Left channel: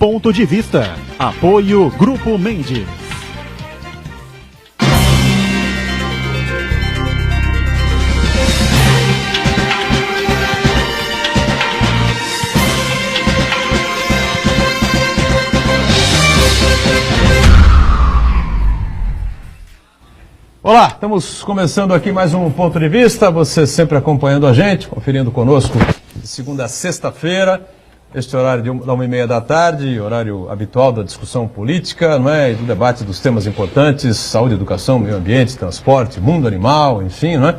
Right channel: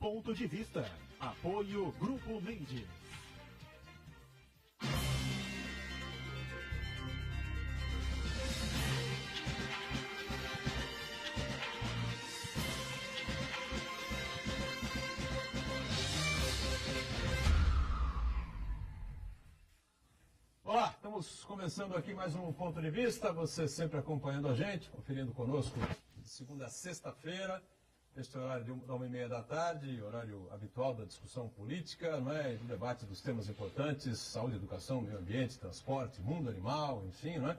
Ponto de Vista. Apoio Grupo Mendes. Olá, estamos começando aqui mais um Ponto de Vista, você sempre acompanhando a gente, conferindo conosco de segunda a sexta-feira, este horário da 1h30 da tarde, horário habitual da discussão política, não é? E do debate dos temas importantes, saúde, educação, meio ambiente, transporte, mundo animal, enfim, não é?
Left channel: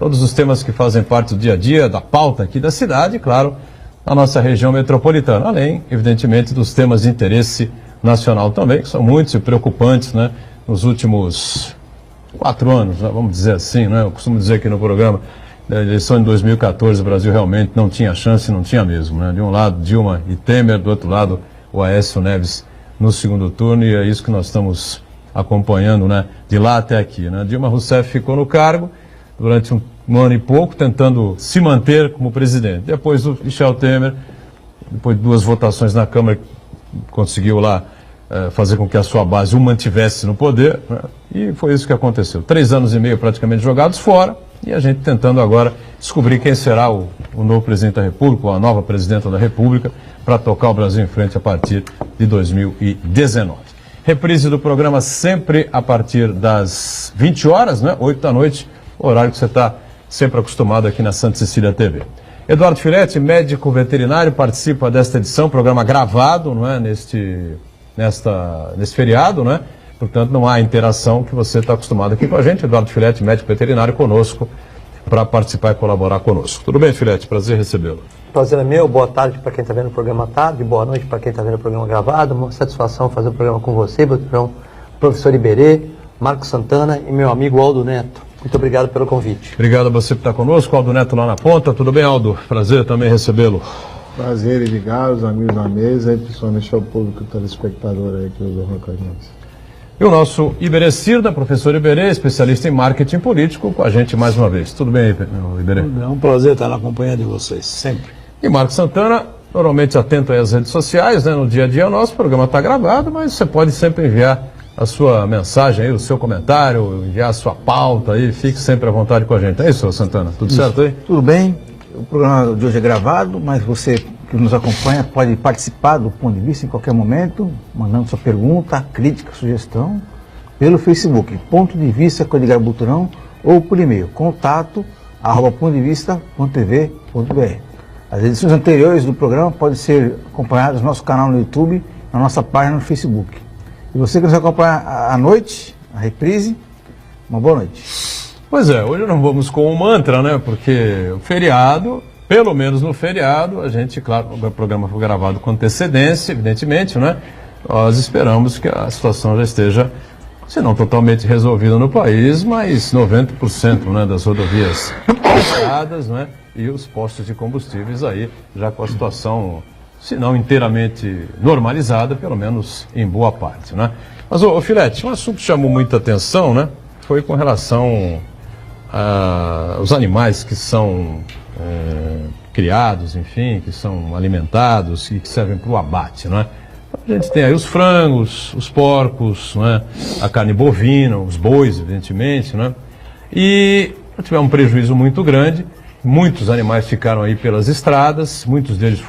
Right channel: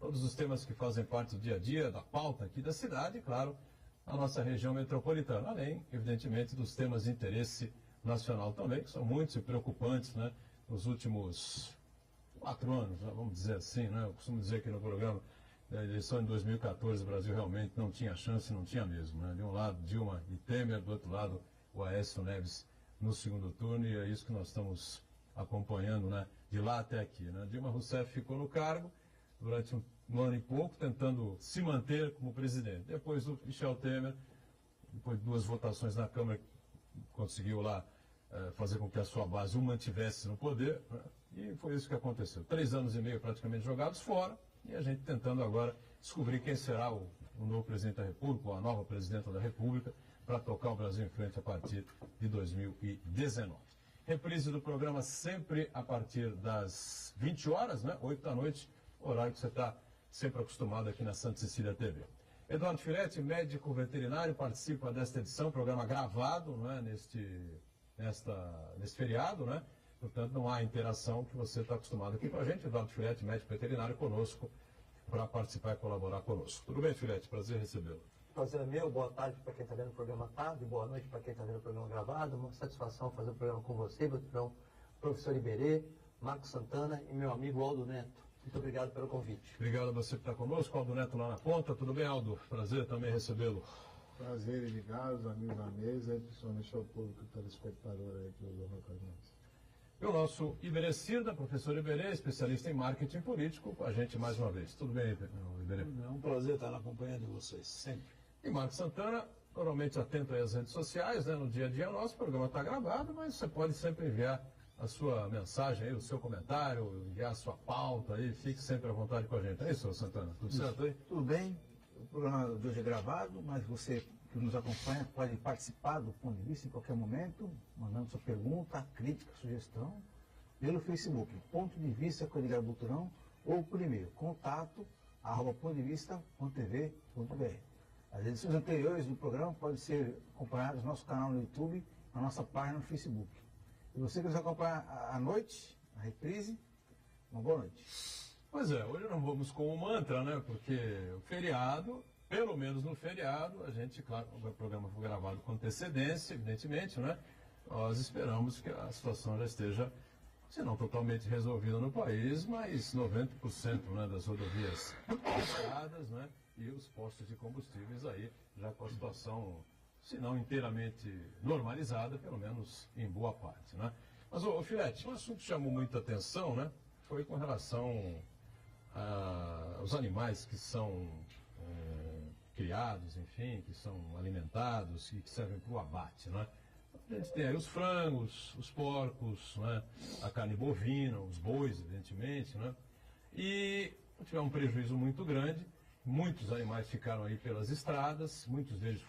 Todos os temas que fazem parte do dia a dia, da pauta aqui da cidade, e claro, na nossa região metropolitana, além, evidentemente, dos temas de interesse nacional também, que são muitos e preocupantes, né? Nos últimos 4 anos, né, vamos dizer assim, né? Eu costumo dizer aqui no programa, da eleição de 2014, o Brasil realmente não tinha chance, não tinha mesmo, né? De um lado, Dilma e Temer, do outro lado, o Aécio Neves no segundo turno, e é isso que nós estamos acompanhando, né? De lá até aqui, né? Dilma Rousseff ficou no cargo durante um ano e pouco, tentando se manter como presidente. Depois o Michel Temer, depois de 2 votações na Câmara, conseguiu lá fazer com que a sua base o mantivesse no poder, né? E foi isso que aconteceu. 3 anos e meio praticamente jogados fora, e a gente tentando agora descobrir quem será o novo presidente da República, ou a nova presidenta da República, para tocar o Brasil em frente a partir de 2019. Reprise do programa sempre a partir das 20 horas, né? 8 da noite, horário que você está sempre acostumado aqui na Santa Cecília TV. Eduardo Firetti, médico veterinário, participa desta edição, programa gravado, não é? Nesse feriado, né? Portanto, não há interação que você está acostumado aqui com a gente. Eduardo Firetti, médico veterinário, conosco, para participar e colaborar conosco. Tudo bem, Firetti? Prazer recebê-lo. Prazer é meu. Boa tarde para quem está vendo o programa à tarde, boa noite para quem está vendo o programa gravado. Uma satisfação fazer o programa com você, professor Iberê, Marcos Santana e meu amigo Aldo Neto. Muito obrigado pelo convite. Obrigado a você por estar conosco. Aldo Neto lá na ponta. Tudo bem, Aldo? Prazer também recebê-lo. Prazer, Edgar, os amigos da mesa e principalmente ao público telespectador aí que nos honra com a gente. E o nosso Iberê Cirda, professor Iberê, especialista em marketing político, com a gente mais uma vez. Tudo bem, Iberê? É um prazer estar na companhia de vocês, sempre. E Marcos Santana, normalmente atento aí às redes sociais, né? No dia a dia nosso programa está gravado, mas você pode sempre enviar a sua mensagem aí, o seu comentário, enviar a sua pauta aí, fique sempre à vontade com a gente. É isso, Santana? Tudo certo aí? Tudo bem. O programa de hoje é gravado, mas você que nos acompanha pode participar do Ponto de Vista em qualquer momento, mandando sua pergunta, crítica, sugestão, pelo Facebook, Ponto de Vista com Edgar Buturão, ou por e-mail, contato@pontodevista.tv.br. As edições anteriores do programa podem ser acompanhadas no nosso canal no YouTube, na nossa página no Facebook. E você que nos acompanha à noite, a reprise, uma boa noite. Pois é, hoje não vamos com um mantra, né? Porque o feriado, pelo menos no feriado, a gente, claro, o programa foi gravado com antecedência, evidentemente, né? Nós esperamos que a situação já esteja, se não totalmente resolvida no país, mas 90%, né, das rodovias fechadas, né? E os postos de combustíveis aí, já com a situação, se não inteiramente normalizada, pelo menos em boa parte, né? Mas, Filetti, um assunto que chamou muita atenção, né? Foi com relação os animais que são criados, enfim, que são alimentados e que servem para o abate, não é? A gente tem aí os frangos, os porcos, não é? A carne bovina, os bois, evidentemente, não é? E tivemos um prejuízo muito grande, muitos animais ficaram aí pelas estradas, muitos deles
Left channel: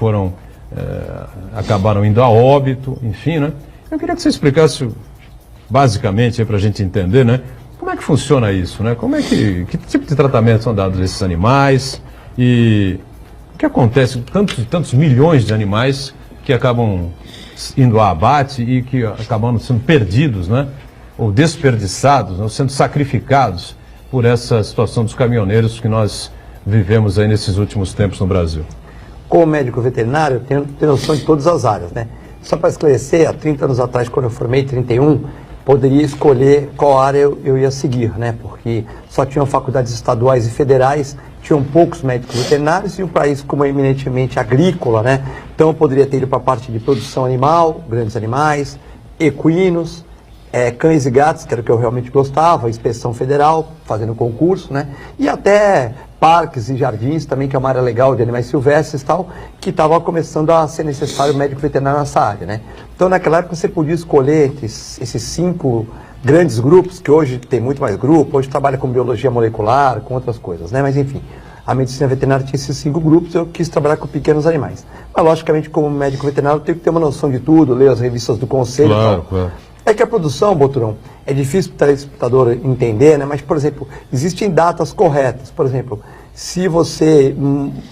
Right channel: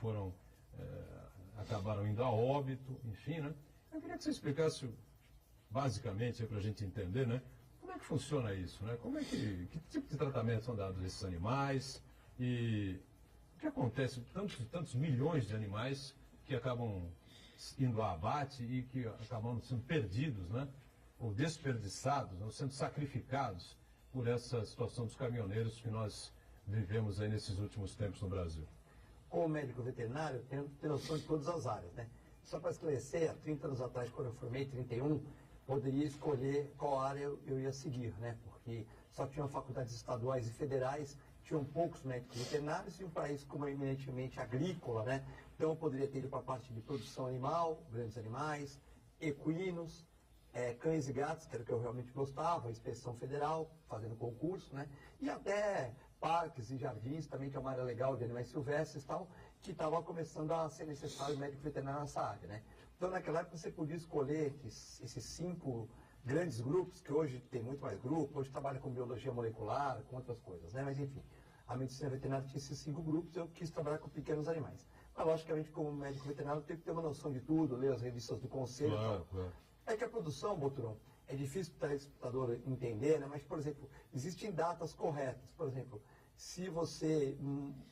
acabaram indo a óbito, enfim, né? Eu queria que você explicasse basicamente para a gente entender, né? Como é que funciona isso, né? Que tipo de tratamento são dados a esses animais e o que acontece com tantos milhões de animais que acabam indo a abate e que acabam sendo perdidos, né? Ou desperdiçados, ou sendo sacrificados por essa situação dos caminhoneiros que nós vivemos aí nesses últimos tempos no Brasil. Como médico veterinário, eu tenho noção de todas as áreas, né? Só para esclarecer, há 30 anos atrás, quando eu formei, 31, poderia escolher qual área eu ia seguir, né? Porque só tinham faculdades estaduais e federais, tinham poucos médicos veterinários e um país como é eminentemente agrícola, né? Então eu poderia ter ido para a parte de produção animal, grandes animais, equinos, cães e gatos, que era o que eu realmente gostava, inspeção federal, fazendo concurso, né? E até parques e jardins também, que é uma área legal de animais silvestres e tal, que estava começando a ser necessário médico veterinário nessa área, né? Então, naquela época, você podia escolher entre esses 5 grandes grupos, que hoje tem muito mais grupo, hoje trabalha com biologia molecular, com outras coisas, né? Mas, enfim, a medicina veterinária tinha esses 5 grupos, eu quis trabalhar com pequenos animais. Mas, logicamente, como médico veterinário, eu tenho que ter uma noção de tudo, ler as revistas do conselho e tal. Claro. É que a produção, Boturão, é difícil para o telespectador entender, né? Mas, por exemplo, existem datas corretas. Por exemplo, se você,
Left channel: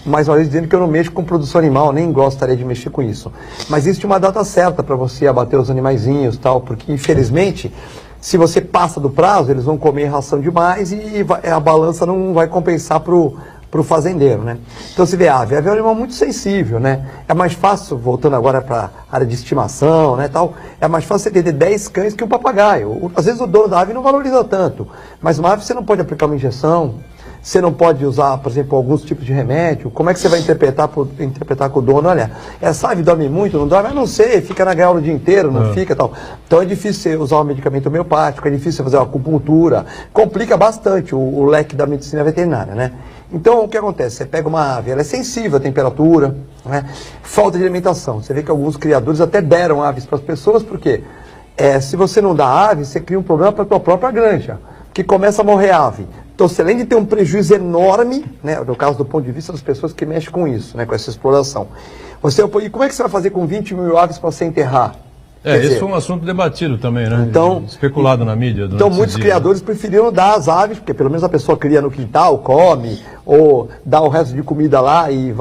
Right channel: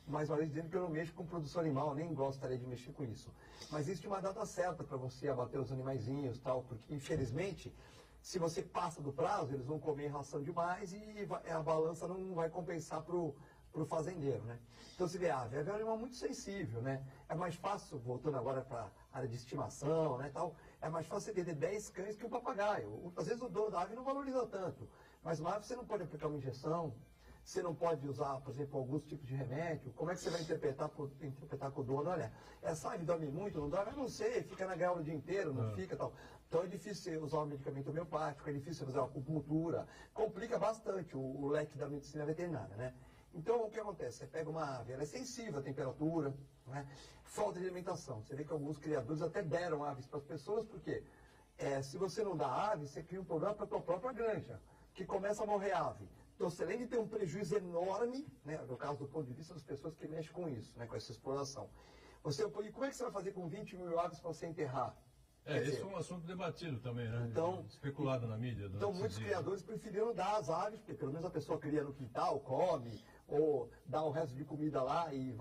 mais uma vez dizendo que eu não mexo com produção animal, nem gostaria de mexer com isso, mas existe uma data certa para você abater os animaizinhos e tal, porque, infelizmente, se você passa do prazo, eles vão comer ração demais e a balança não vai compensar para o fazendeiro, né? Então, você vê a ave é um animal muito sensível, né? É mais fácil, voltando agora para a área de estimação, né, tal, é mais fácil você ter 10 cães que um papagaio. Às vezes o dono da ave não valoriza tanto, mas uma ave você não pode aplicar uma injeção, você não pode usar, por exemplo, alguns tipos de remédio. Como é que você vai interpretar com o dono? Olha, essa ave dorme muito, não dorme? Eu não sei, fica na gaiola o dia inteiro, não fica tal. Então é difícil você usar um medicamento homeopático, é difícil você fazer uma acupuntura, complica bastante o leque da medicina veterinária, né? Então, o que acontece? Você pega uma ave, ela é sensível à temperatura, né? Falta de alimentação. Você vê que alguns criadores até deram aves para as pessoas, porque se você não dá ave, você cria um problema para a tua própria granja, que começa a morrer ave. Então, você, além de ter um prejuízo enorme, né, no caso do ponto de vista das pessoas que mexem com isso, né, com essa exploração, e como é que você vai fazer com 20 mil aves para você enterrar? Esse foi um assunto debatido também, né? Então, especulado na mídia. Então, muitos criadores preferiram dar as aves, porque pelo menos a pessoa cria no quintal, come, ou dá o resto de comida lá e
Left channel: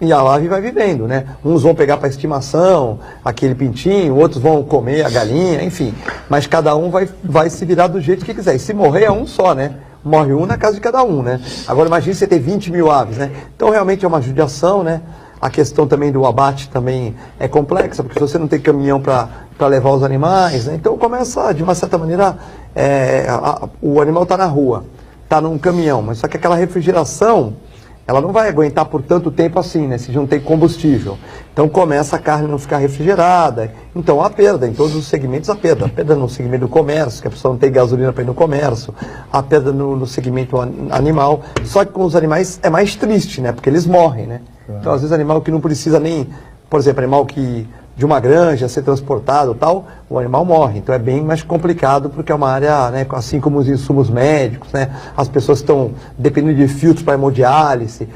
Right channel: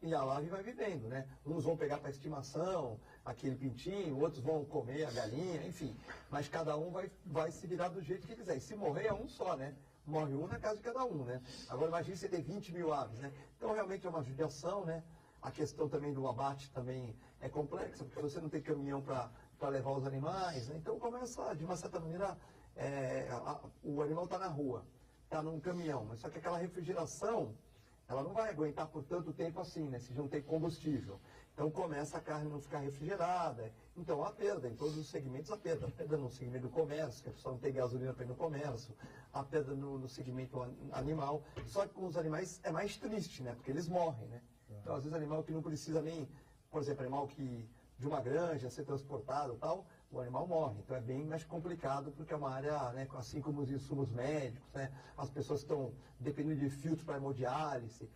e a ave vai vivendo, né? Uns vão pegar para estimação, aquele pintinho, outros vão comer a galinha, enfim. Mas cada um vai se virar do jeito que quiser. E se morrer é um só, né? Morre um na casa de cada um, né? Agora imagine você ter 20 mil aves, né? Então, realmente é uma judiação, né? A questão também do abate também é complexa, porque se você não tem caminhão para levar os animais, né? Então começa, de uma certa maneira, o animal está na rua, está num caminhão, mas só que aquela refrigeração, ela não vai aguentar por tanto tempo assim, né? Se não tem combustível. Então começa a carne a não ficar refrigerada. Então há perda, em todos os segmentos há perda. A perda no segmento do comércio, que a pessoa não tem gasolina para ir no comércio. A perda no segmento animal. Só que com os animais é mais triste, né? Porque eles morrem, né? Então, às vezes, animal que não precisa nem, por exemplo, animal que de uma granja ser transportado tal, o animal morre. Então é bem mais complicado porque é uma área, né, assim como os insumos médicos, né, as pessoas estão dependendo de filtros para hemodiálise,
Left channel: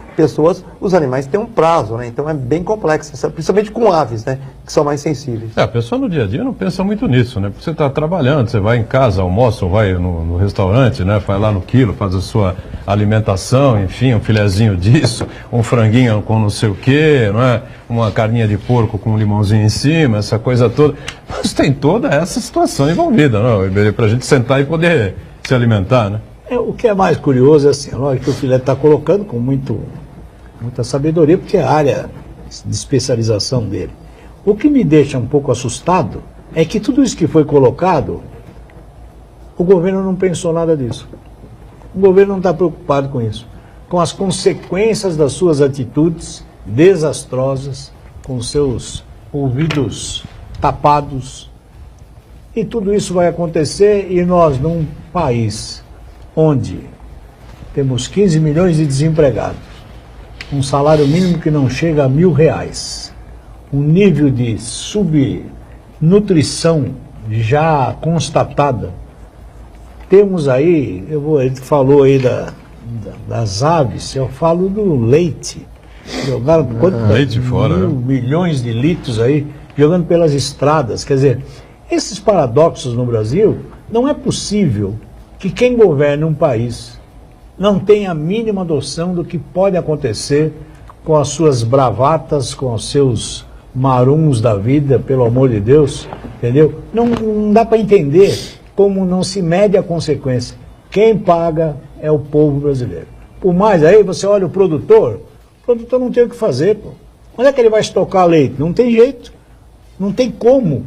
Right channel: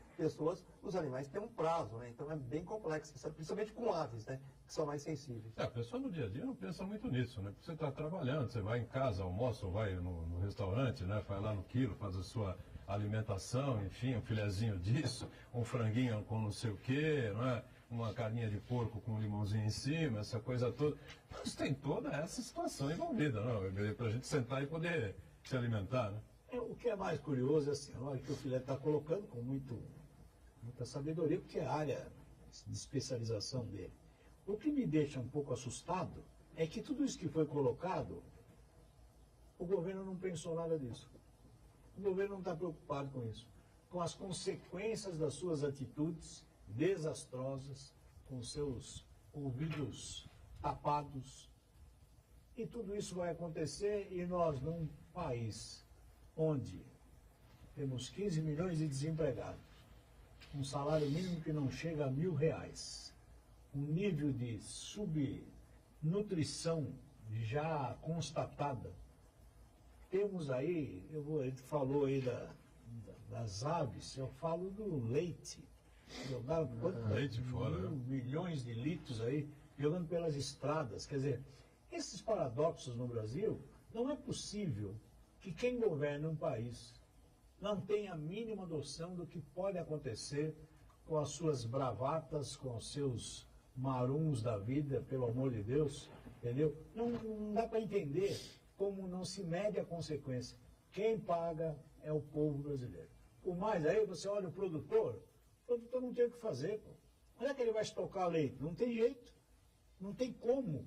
os animais têm um prazo, né, então é bem complexo, principalmente com aves, né, que são mais sensíveis. A pessoa no dia a dia não pensa muito nisso, né, porque você está trabalhando, você vai em casa, almoça ou vai no restaurante, né, vai lá no quilo, faz a sua alimentação, enfim, um filezinho disso, um franguinho com não sei o quê, não é? Uma carninha de porco com um limãozinho em cima, essa coisa toda. Mas tem toda essa situação envolvida, não, para a gente sentar e poder se alimentar, né? O que é mais curioso é assim, lógico que o Filé está colocando com muita sabedoria, porque é a área de especialização dele. O que me deixa um pouco assustado é que tudo isso que foi colocado, o governo não pensou nada disso. O governo não está preocupado com isso, com as consequências das suas atitudes desastrosas, com seus ouvidos tapados. E tudo isso vai acontecer e nós, num país onde temos 15 milhões de desempregados, um salário mínimo que não chega a R$1.000, um nível de subnutrição já constatada. Temos aí, ele falou aí das aves, eu falo do leite. Jogaram leite fora, milhões de litros aí, jogando pelas estradas. Quer dizer, esses paradoxos no Brasil, não é possível que quem governa um país não tenha a mínima noção do que pode acontecer com as suas bravatas, com os seus maruns da vida, pelo amor de Deus, entendeu? Não dá para entender como não se mede a consequência. Quem paga é o povo brasileiro. Por mais aí, você olha o produtor não tem o que fazer, pô. Onde é que ele vai estocar leite? Não tem jeito, não tem como.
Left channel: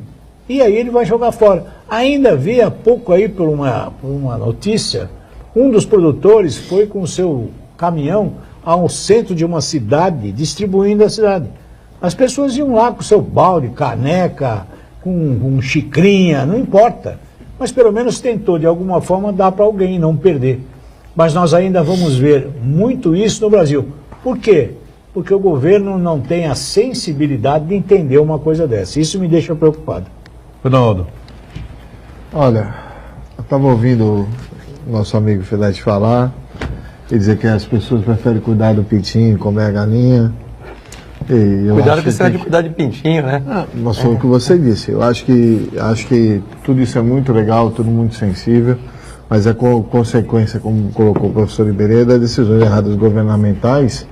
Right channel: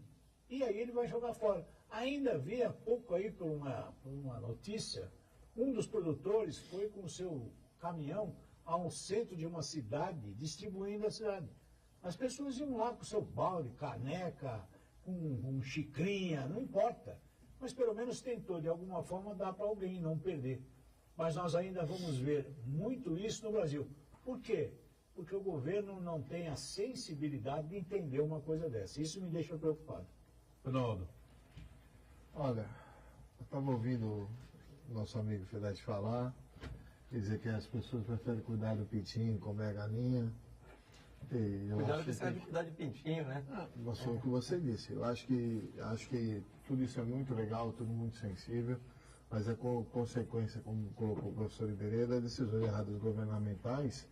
E aí ele vai jogar fora. Ainda vi há pouco aí por uma notícia, um dos produtores foi com o seu caminhão ao centro de uma cidade, distribuindo a cidade. As pessoas iam lá com o seu balde, caneca, com xicrinha, não importa. Mas pelo menos tentou, de alguma forma, dar para alguém, não perder. mas nós ainda vamos ver muito isso no Brasil. Por quê? Porque o governo não tem a sensibilidade de entender uma coisa dessa. Isso me deixa preocupado. Ronaldo. Olha, eu estava ouvindo o nosso amigo Filete falar e dizer que as pessoas preferem cuidar do pintinho, comer a galinha. Cuidado que você é de cuidar de pintinho, né? Mas foi o que você disse. Eu acho que tudo isso é muito legal, tudo muito sensível, mas é consequência, como colocou o professor Iberê, das decisões erradas governamentais.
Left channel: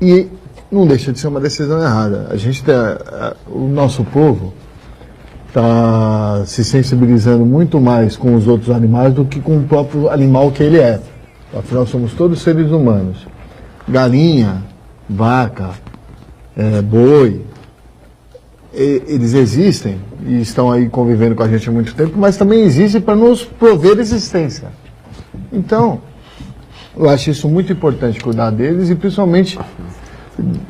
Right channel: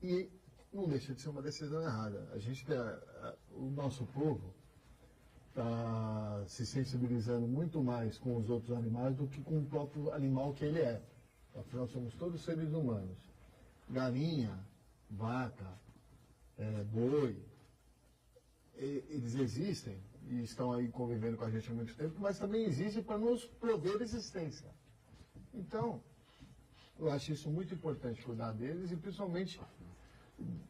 E não deixa de ser uma decisão errada. O nosso povo está se sensibilizando muito mais com os outros animais do que com o próprio animal que ele é. Afinal, somos todos seres humanos. Galinha, vaca, boi, eles existem e estão aí convivendo com a gente há muito tempo, mas também existem para nos prover existência. Então, eu acho isso muito importante, cuidar deles e principalmente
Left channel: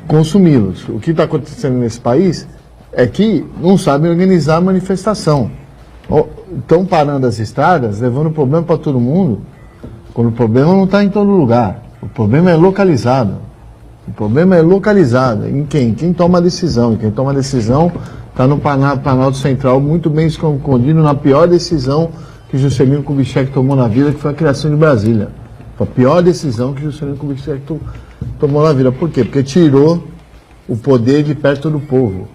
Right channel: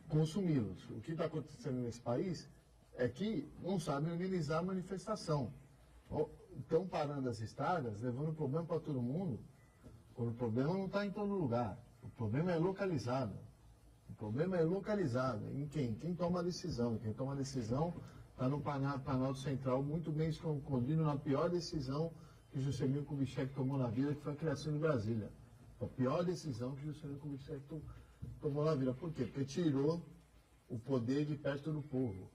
consumi-los. O que está acontecendo nesse país é que não sabem organizar a manifestação. Estão parando as estradas, levando problema para todo mundo, quando o problema não está em todo lugar. O problema é localizado. O problema é localizado. Em quem? Quem toma a decisão. E quem toma a decisão está no Planalto Central, muito bem escondido na pior decisão que Juscelino Kubitschek tomou na vida, que foi a criação de Brasília. Foi a pior decisão que Juscelino Kubitschek tomou na vida. Por quê? Porque tirou o poder de perto do povo.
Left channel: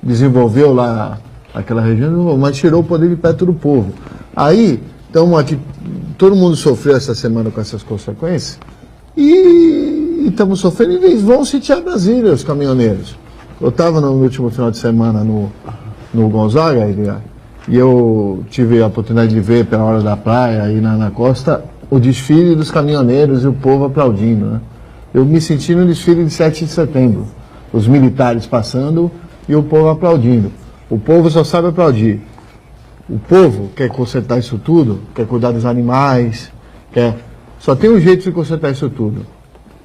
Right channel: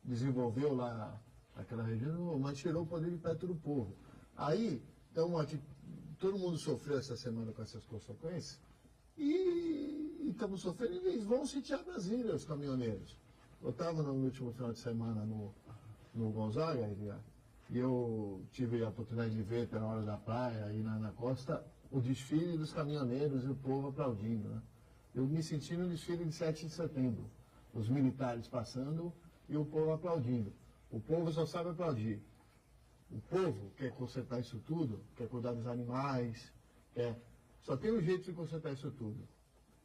Desenvolveu lá aquela região, mas tirou o poder de perto do povo. Aí, estamos aqui, todo mundo sofreu essa semana com essas consequências, e estamos sofrendo, e eles vão sitiar Brasília, os caminhoneiros. Eu estava no último final de semana no Gonzaga, e eu tive a oportunidade de ver pela hora da praia, aí na costa, o desfile dos caminhoneiros e o povo aplaudindo, né? Eu me senti no desfile de 7 de setembro, os militares passando e o povo aplaudindo. O povo só sabe aplaudir. O povo quer consertar isso tudo, quer cuidar dos animais, só tem um jeito de consertar isso tudo.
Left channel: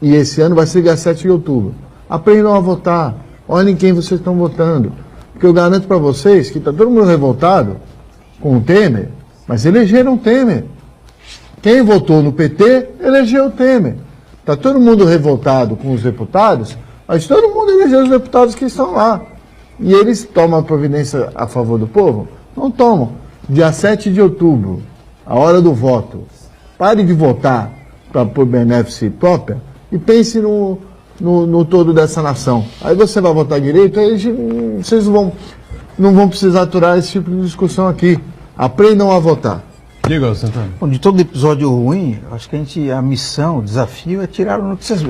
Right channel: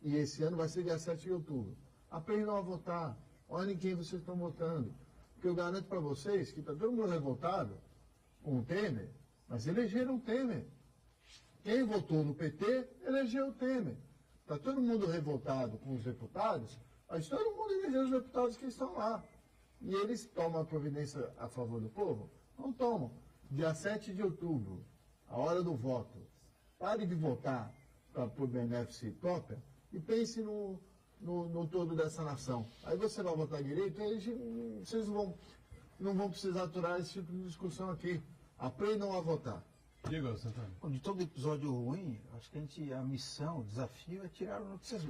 E esse ano vai ser dia 7 de outubro. Aprendam a votar. Olhem quem vocês estão votando. Porque eu garanto para vocês que está todo mundo revoltado com o Temer, mas elegeram o Temer. Quem votou no PT, elegeu o Temer. Está todo mundo revoltado com os deputados, mas todo mundo elegeu os deputados que estão lá. E eles tomam a providência a favor do povo? Não tomam. Dia 7 de outubro, a hora do voto. Pare de votar por benefício própria e pense no todo dessa nação. Aí você vai votar direito, aí vocês não vão precisar aturar esse tipo de discussão aqui. Aprendam a votar. Diga, Santana. Bom, de todo episódio ruim, acho que a missão, o desafio é tirar notícias,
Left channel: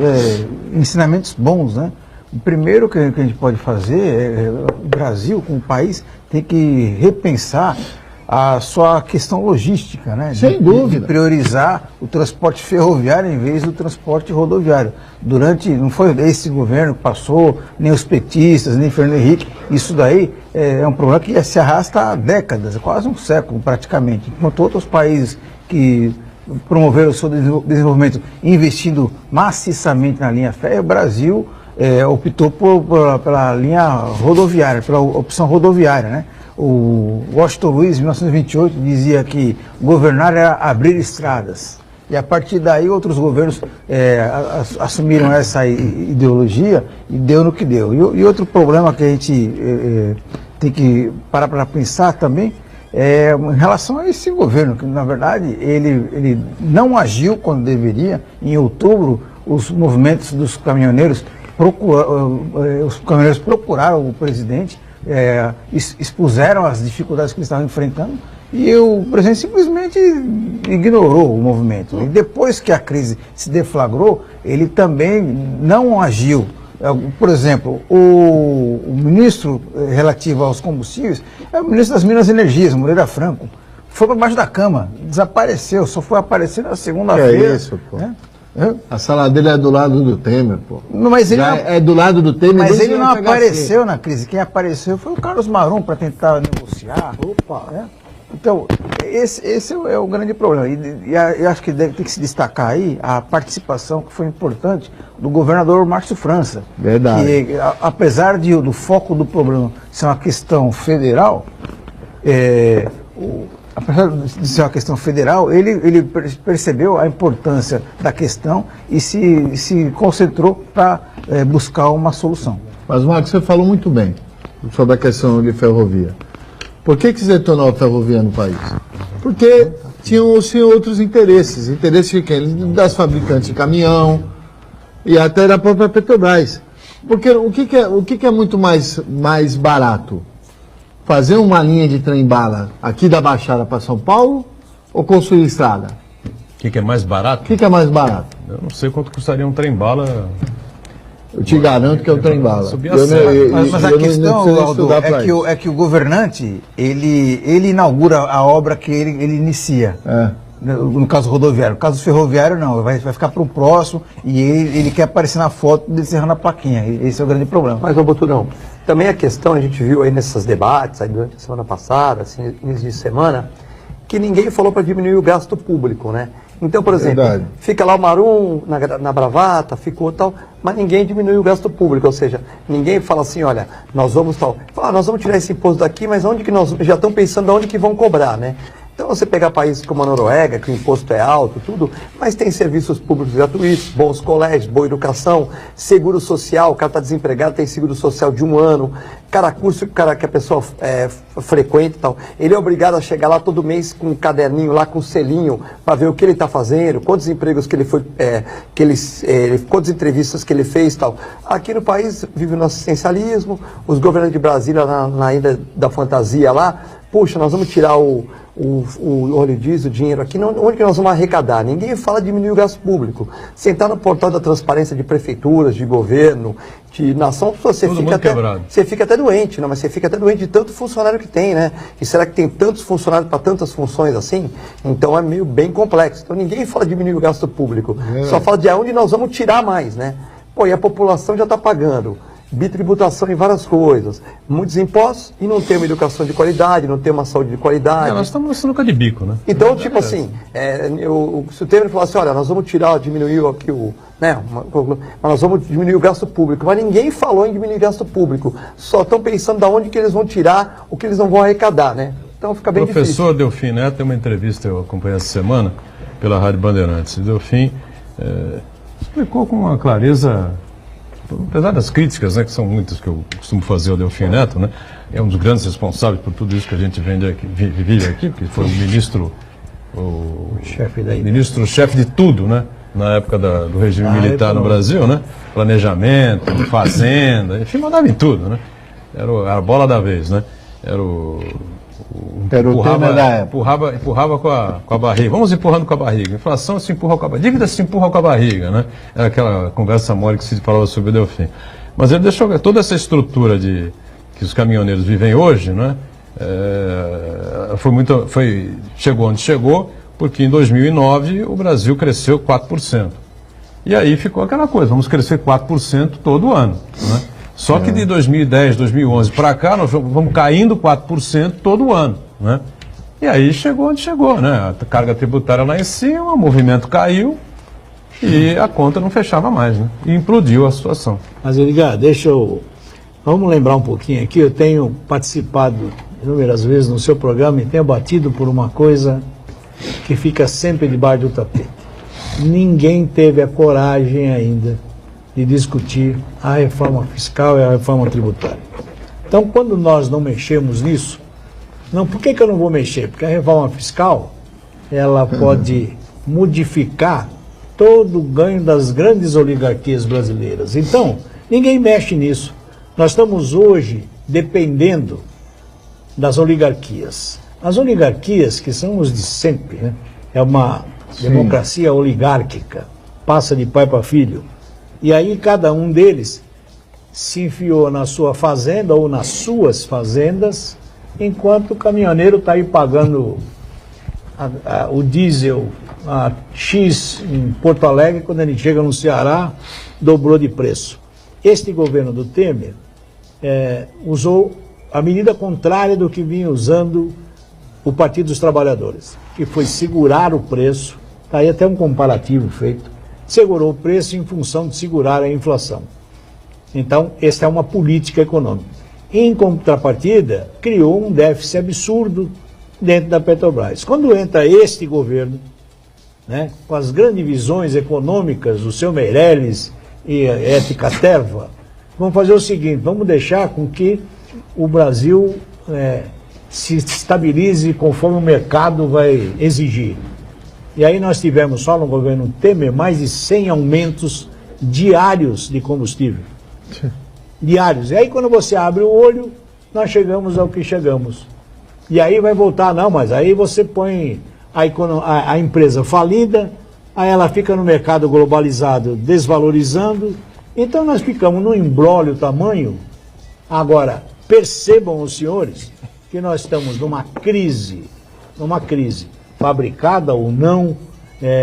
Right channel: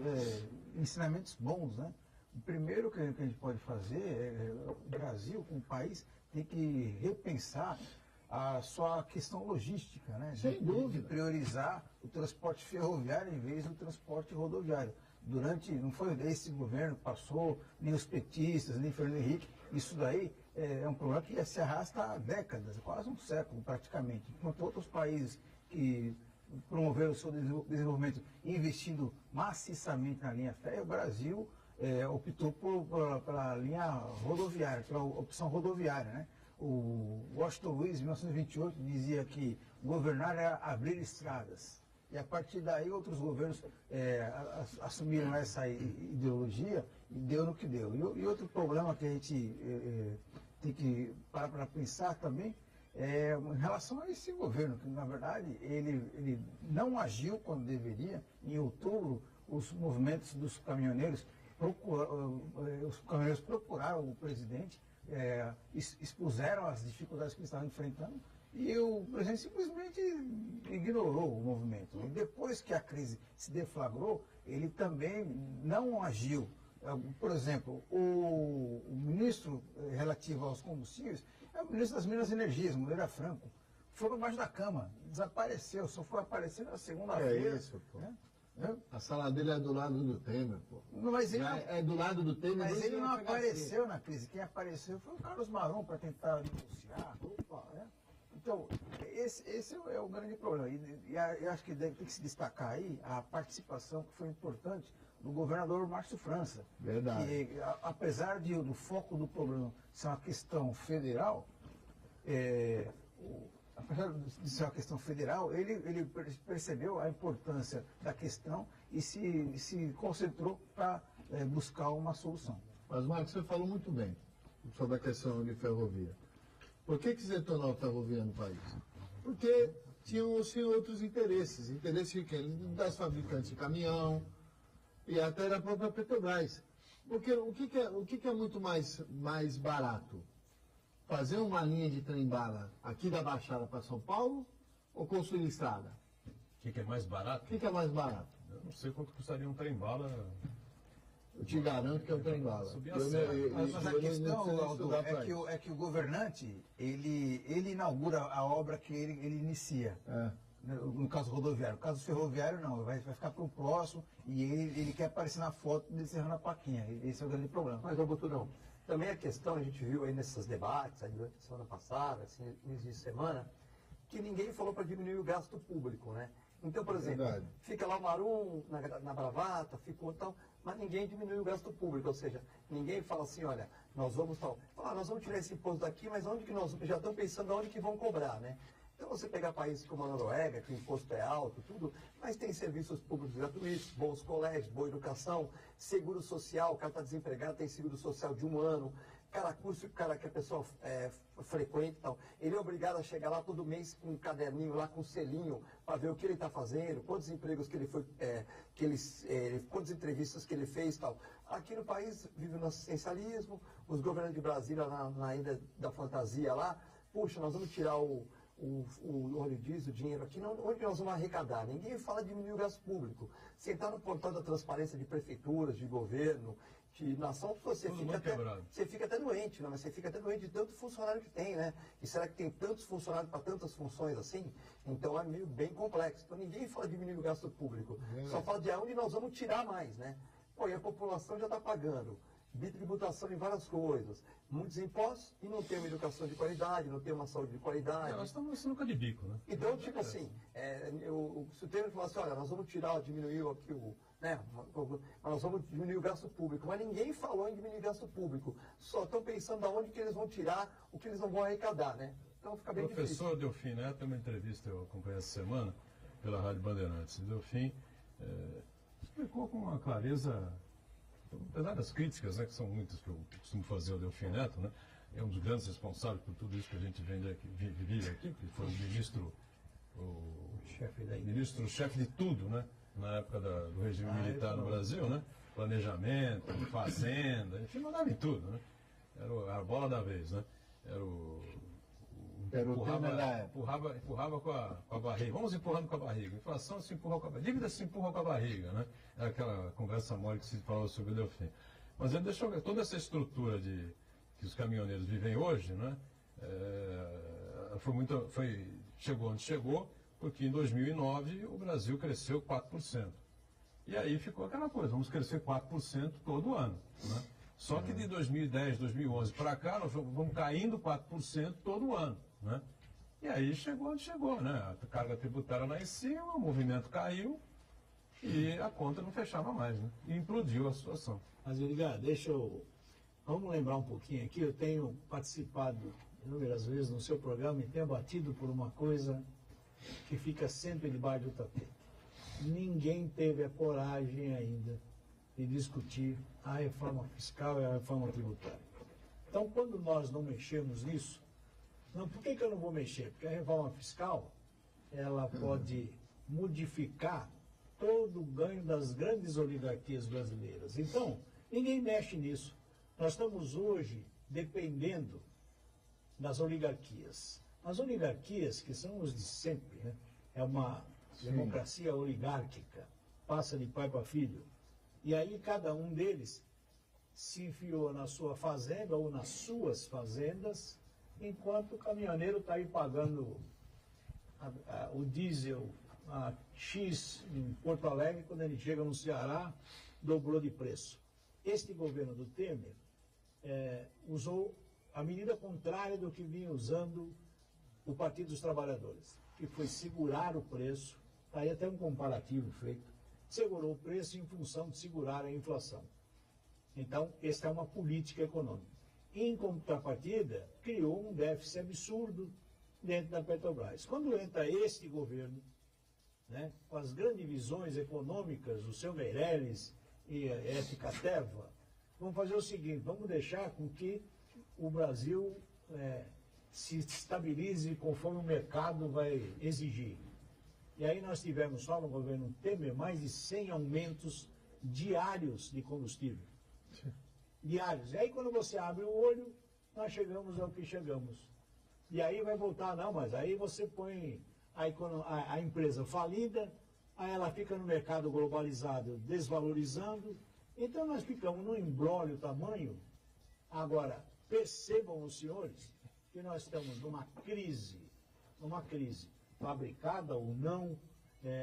ensinamentos bons, né? O primeiro que a gente pode fazer o Brasil, como país, tem que repensar a sua questão logística, né? Sem dúvida. De priorizar o transporte ferroviário em vez do transporte rodoviário. Não foi esse governo que passou, nem os petistas, nem Fernando Henrique. Isso daí é um problema que se arrasta há décadas, quase um século praticamente. Enquanto outros países que promoveram o seu desenvolvimento investindo maciçamente na linha férrea, o Brasil optou pela linha rodoviária, pela opção rodoviária, né? O Washington Luiz, em 1928, dizia que governar era abrir estradas. E a partir daí outros governos assumiram essa ideologia e deu no que deu. E outro problema que a gente tem que parar para pensar também em relação a esse governo, que na verdade ele não agiu quando deveria. Em outubro, os movimentos dos caminhoneiros procuraram o presidente, expuseram as dificuldades que eles estavam enfrentando, e o presidente simplesmente ignorou o movimento. E depois que a crise se deflagrou, ele também não agiu. Por exemplo, o ministro relativo aos combustíveis é o ministro das Minas e Energias, Moreira Franco. Foi para baixo da cama, desapareceu, só foi aparecer na segunda-feira. É isso, pô. A sala dele é do lado do Temer, pô. Mas ele é do lado do Temer. Mas ele não apareceu na crise. Quem apareceu foi o Carlos Marum para tentar negociar. Então, esse é o grande problema. E eu acho que deve ter que se destacar aí a participação, que foi importante, do governador Márcio França. Verdade. Que, apesar do foco do problema ser uma questão federal, apesar de ser uma questão federal, ele percebeu a importância da questão e se concentrou para buscar uma solução. Mas, Marcos, você falou muito bem sobre a questão de ferrovia. Por que se tornou a ferrovia no país? Porque tinham outros interesses. Interesses de quem? Das fabricantes de caminhão e até da própria Petrobras. Porque o que é muito mais barato? Fazer uma linha de trem-bala aqui da Baixada para São Paulo ou construir estrada? O que é mais barato? O que é mais barato? Eu não sei quanto custaria um trem-bala. Eu te garanto que é o trem-bala. Mas a questão, Aldo, é que o governante, ele inaugura a obra que ele inicia. No caso rodoviário. No caso ferroviário, não. Vai ficar para o próximo e ele quer aparecer na foto dele encerrando a plaquinha. Esse é o grande problema. Mas, Boturão, também a questão, a gente viu aí nesses debates, aí durante a semana passada, assim, início de semana, que ninguém falou para diminuir o gasto público, né? Então, por exemplo, fica lá o Marum na bravata, ficou tal, mas ninguém diminui o gasto público, ou seja, ninguém fala assim, olha, nós vamos tal, nós vamos tirar esse imposto daqui, mas onde que nós já estão pensando onde que vão cobrar, né? Então você pegar países como a Noruega, que o imposto é alto, tudo, mas tem serviços públicos gratuitos, bons colégios, boa educação, seguro social, o cara está desempregado, tem seguro social de 1 ano, curso que a pessoa frequenta e tal, ele é obrigado a chegar lá todo mês com um caderninho lá, com um selinho, para ver o que ele está fazendo, quantos empregos que ele foi, quantas entrevistas que ele fez e tal. Aqui no país vive no assistencialismo, os governantes de Brasília na ilha da fantasia lá, puxa, nós vamos tirar o óleo diesel, o dinheiro aqui, onde que nós vamos arrecadar? Ninguém fala de diminuir o gasto público. Sentar no portal da transparência de prefeituras, de governo, de nação, você fica até doente, não, mas você fica até doente de tanto funcionário que tem, né? E será que tem tantos funcionários para tantas funções assim? Então é meio bem complexo. Então ninguém fala de diminuir o gasto público, só fala de onde nós vamos tirar mais, né? Pô, e a população já está pagando bitributação em várias coisas, muitos impostos e não tem uma educação de qualidade, não tem uma saúde de qualidade. Nós estamos na sinuca de bico, né? Então, tipo assim, se o Temer falar assim, olha, nós vamos diminuir aqui mas nós vamos diminuir o gasto público, mas ninguém falou em diminuir o gasto público, só estão pensando de onde que eles vão tirar o que eles não vão arrecadar, né? Então fica bem difícil. Professor Delfim Neto tem uma entrevista, eu acompanhei essa semana, pela Rádio Bandeirantes. Delfim explicou com uma clareza, apesar das críticas, né, que são muitas que eu costumo fazer ao Delfim Neto, né, é um dos grandes responsáveis por tudo isso que a gente vive aqui, porque foi ministro-chefe de tudo, né, na época do regime militar no Brasil, né, planejamento, fazenda, enfim, mandava em tudo, né, era a bola da vez, né, empurrava com a barriga. Vamos empurrando com a barriga. Inflação se empurra com a barriga. Dívida se empurra com a barriga, né? Era aquela conversa mole que se falava sobre o Delfim. Mas ele deixou toda essa estrutura que os caminhoneiros vivem hoje, né? Chegou onde chegou, porque em 2009 o Brasil cresceu 4%. E aí ficou aquela coisa, vamos crescer 4% todo ano, né? Só que de 2010, 2011 para cá, nós vamos caindo 4% todo ano, né? E aí chegou onde chegou, né? A carga tributária lá em cima, o movimento caiu e a conta não fechava mais, né? E implodiu a situação. Mas, Edgar, vamos lembrar um pouquinho aqui, eu tenho participado inúmeras vezes no seu programa e tenho batido por uma coisa que fica sempre debaixo do tapete. Ninguém teve a coragem ainda de discutir a reforma fiscal e a reforma tributária. Então, quando nós não mexemos nisso, por que eu não vou mexer? Porque a reforma fiscal, ela pode modificar todo o ganho das grandes oligarquias brasileiras. Então, ninguém mexe nisso. Nós estamos hoje dependendo das oligarquias. As oligarquias, que são os de sempre, né? É uma democracia oligárquica, passa de pai para filho. E aí cada um deles se enfiou na sua fazenda ou nas suas fazendas, enquanto o caminhoneiro está aí pagando o diesel a X em Porto Alegre, quando ele chega no Ceará, dobrou de preço. Este governo do Temer usou a medida contrária do que vinha usando o Partido dos Trabalhadores, que foi segurar o preço, está aí até um comparativo feito, segurou o preço em função de segurar a inflação. Então, esta é uma política econômica. Em contrapartida, criou um déficit absurdo dentro da Petrobras. Quando entra este governo, né, com as grandes visões econômicas, o seu Meirelles e a Ética Terva, vamos fazer o seguinte, vamos deixar com que o Brasil se estabilize conforme o mercado vai exigir. E aí nós tivemos só no governo Temer mais de 100 aumentos diários de combustível. Diários. E aí quando você abre o olho, nós chegamos ao que chegamos. E aí vai voltar, não, mas aí você põe a empresa falida, aí ela fica no mercado globalizado desvalorizando. Então nós ficamos num imbróglio tamanho. Agora, percebam os senhores que nós estamos numa crise, fabricada ou não,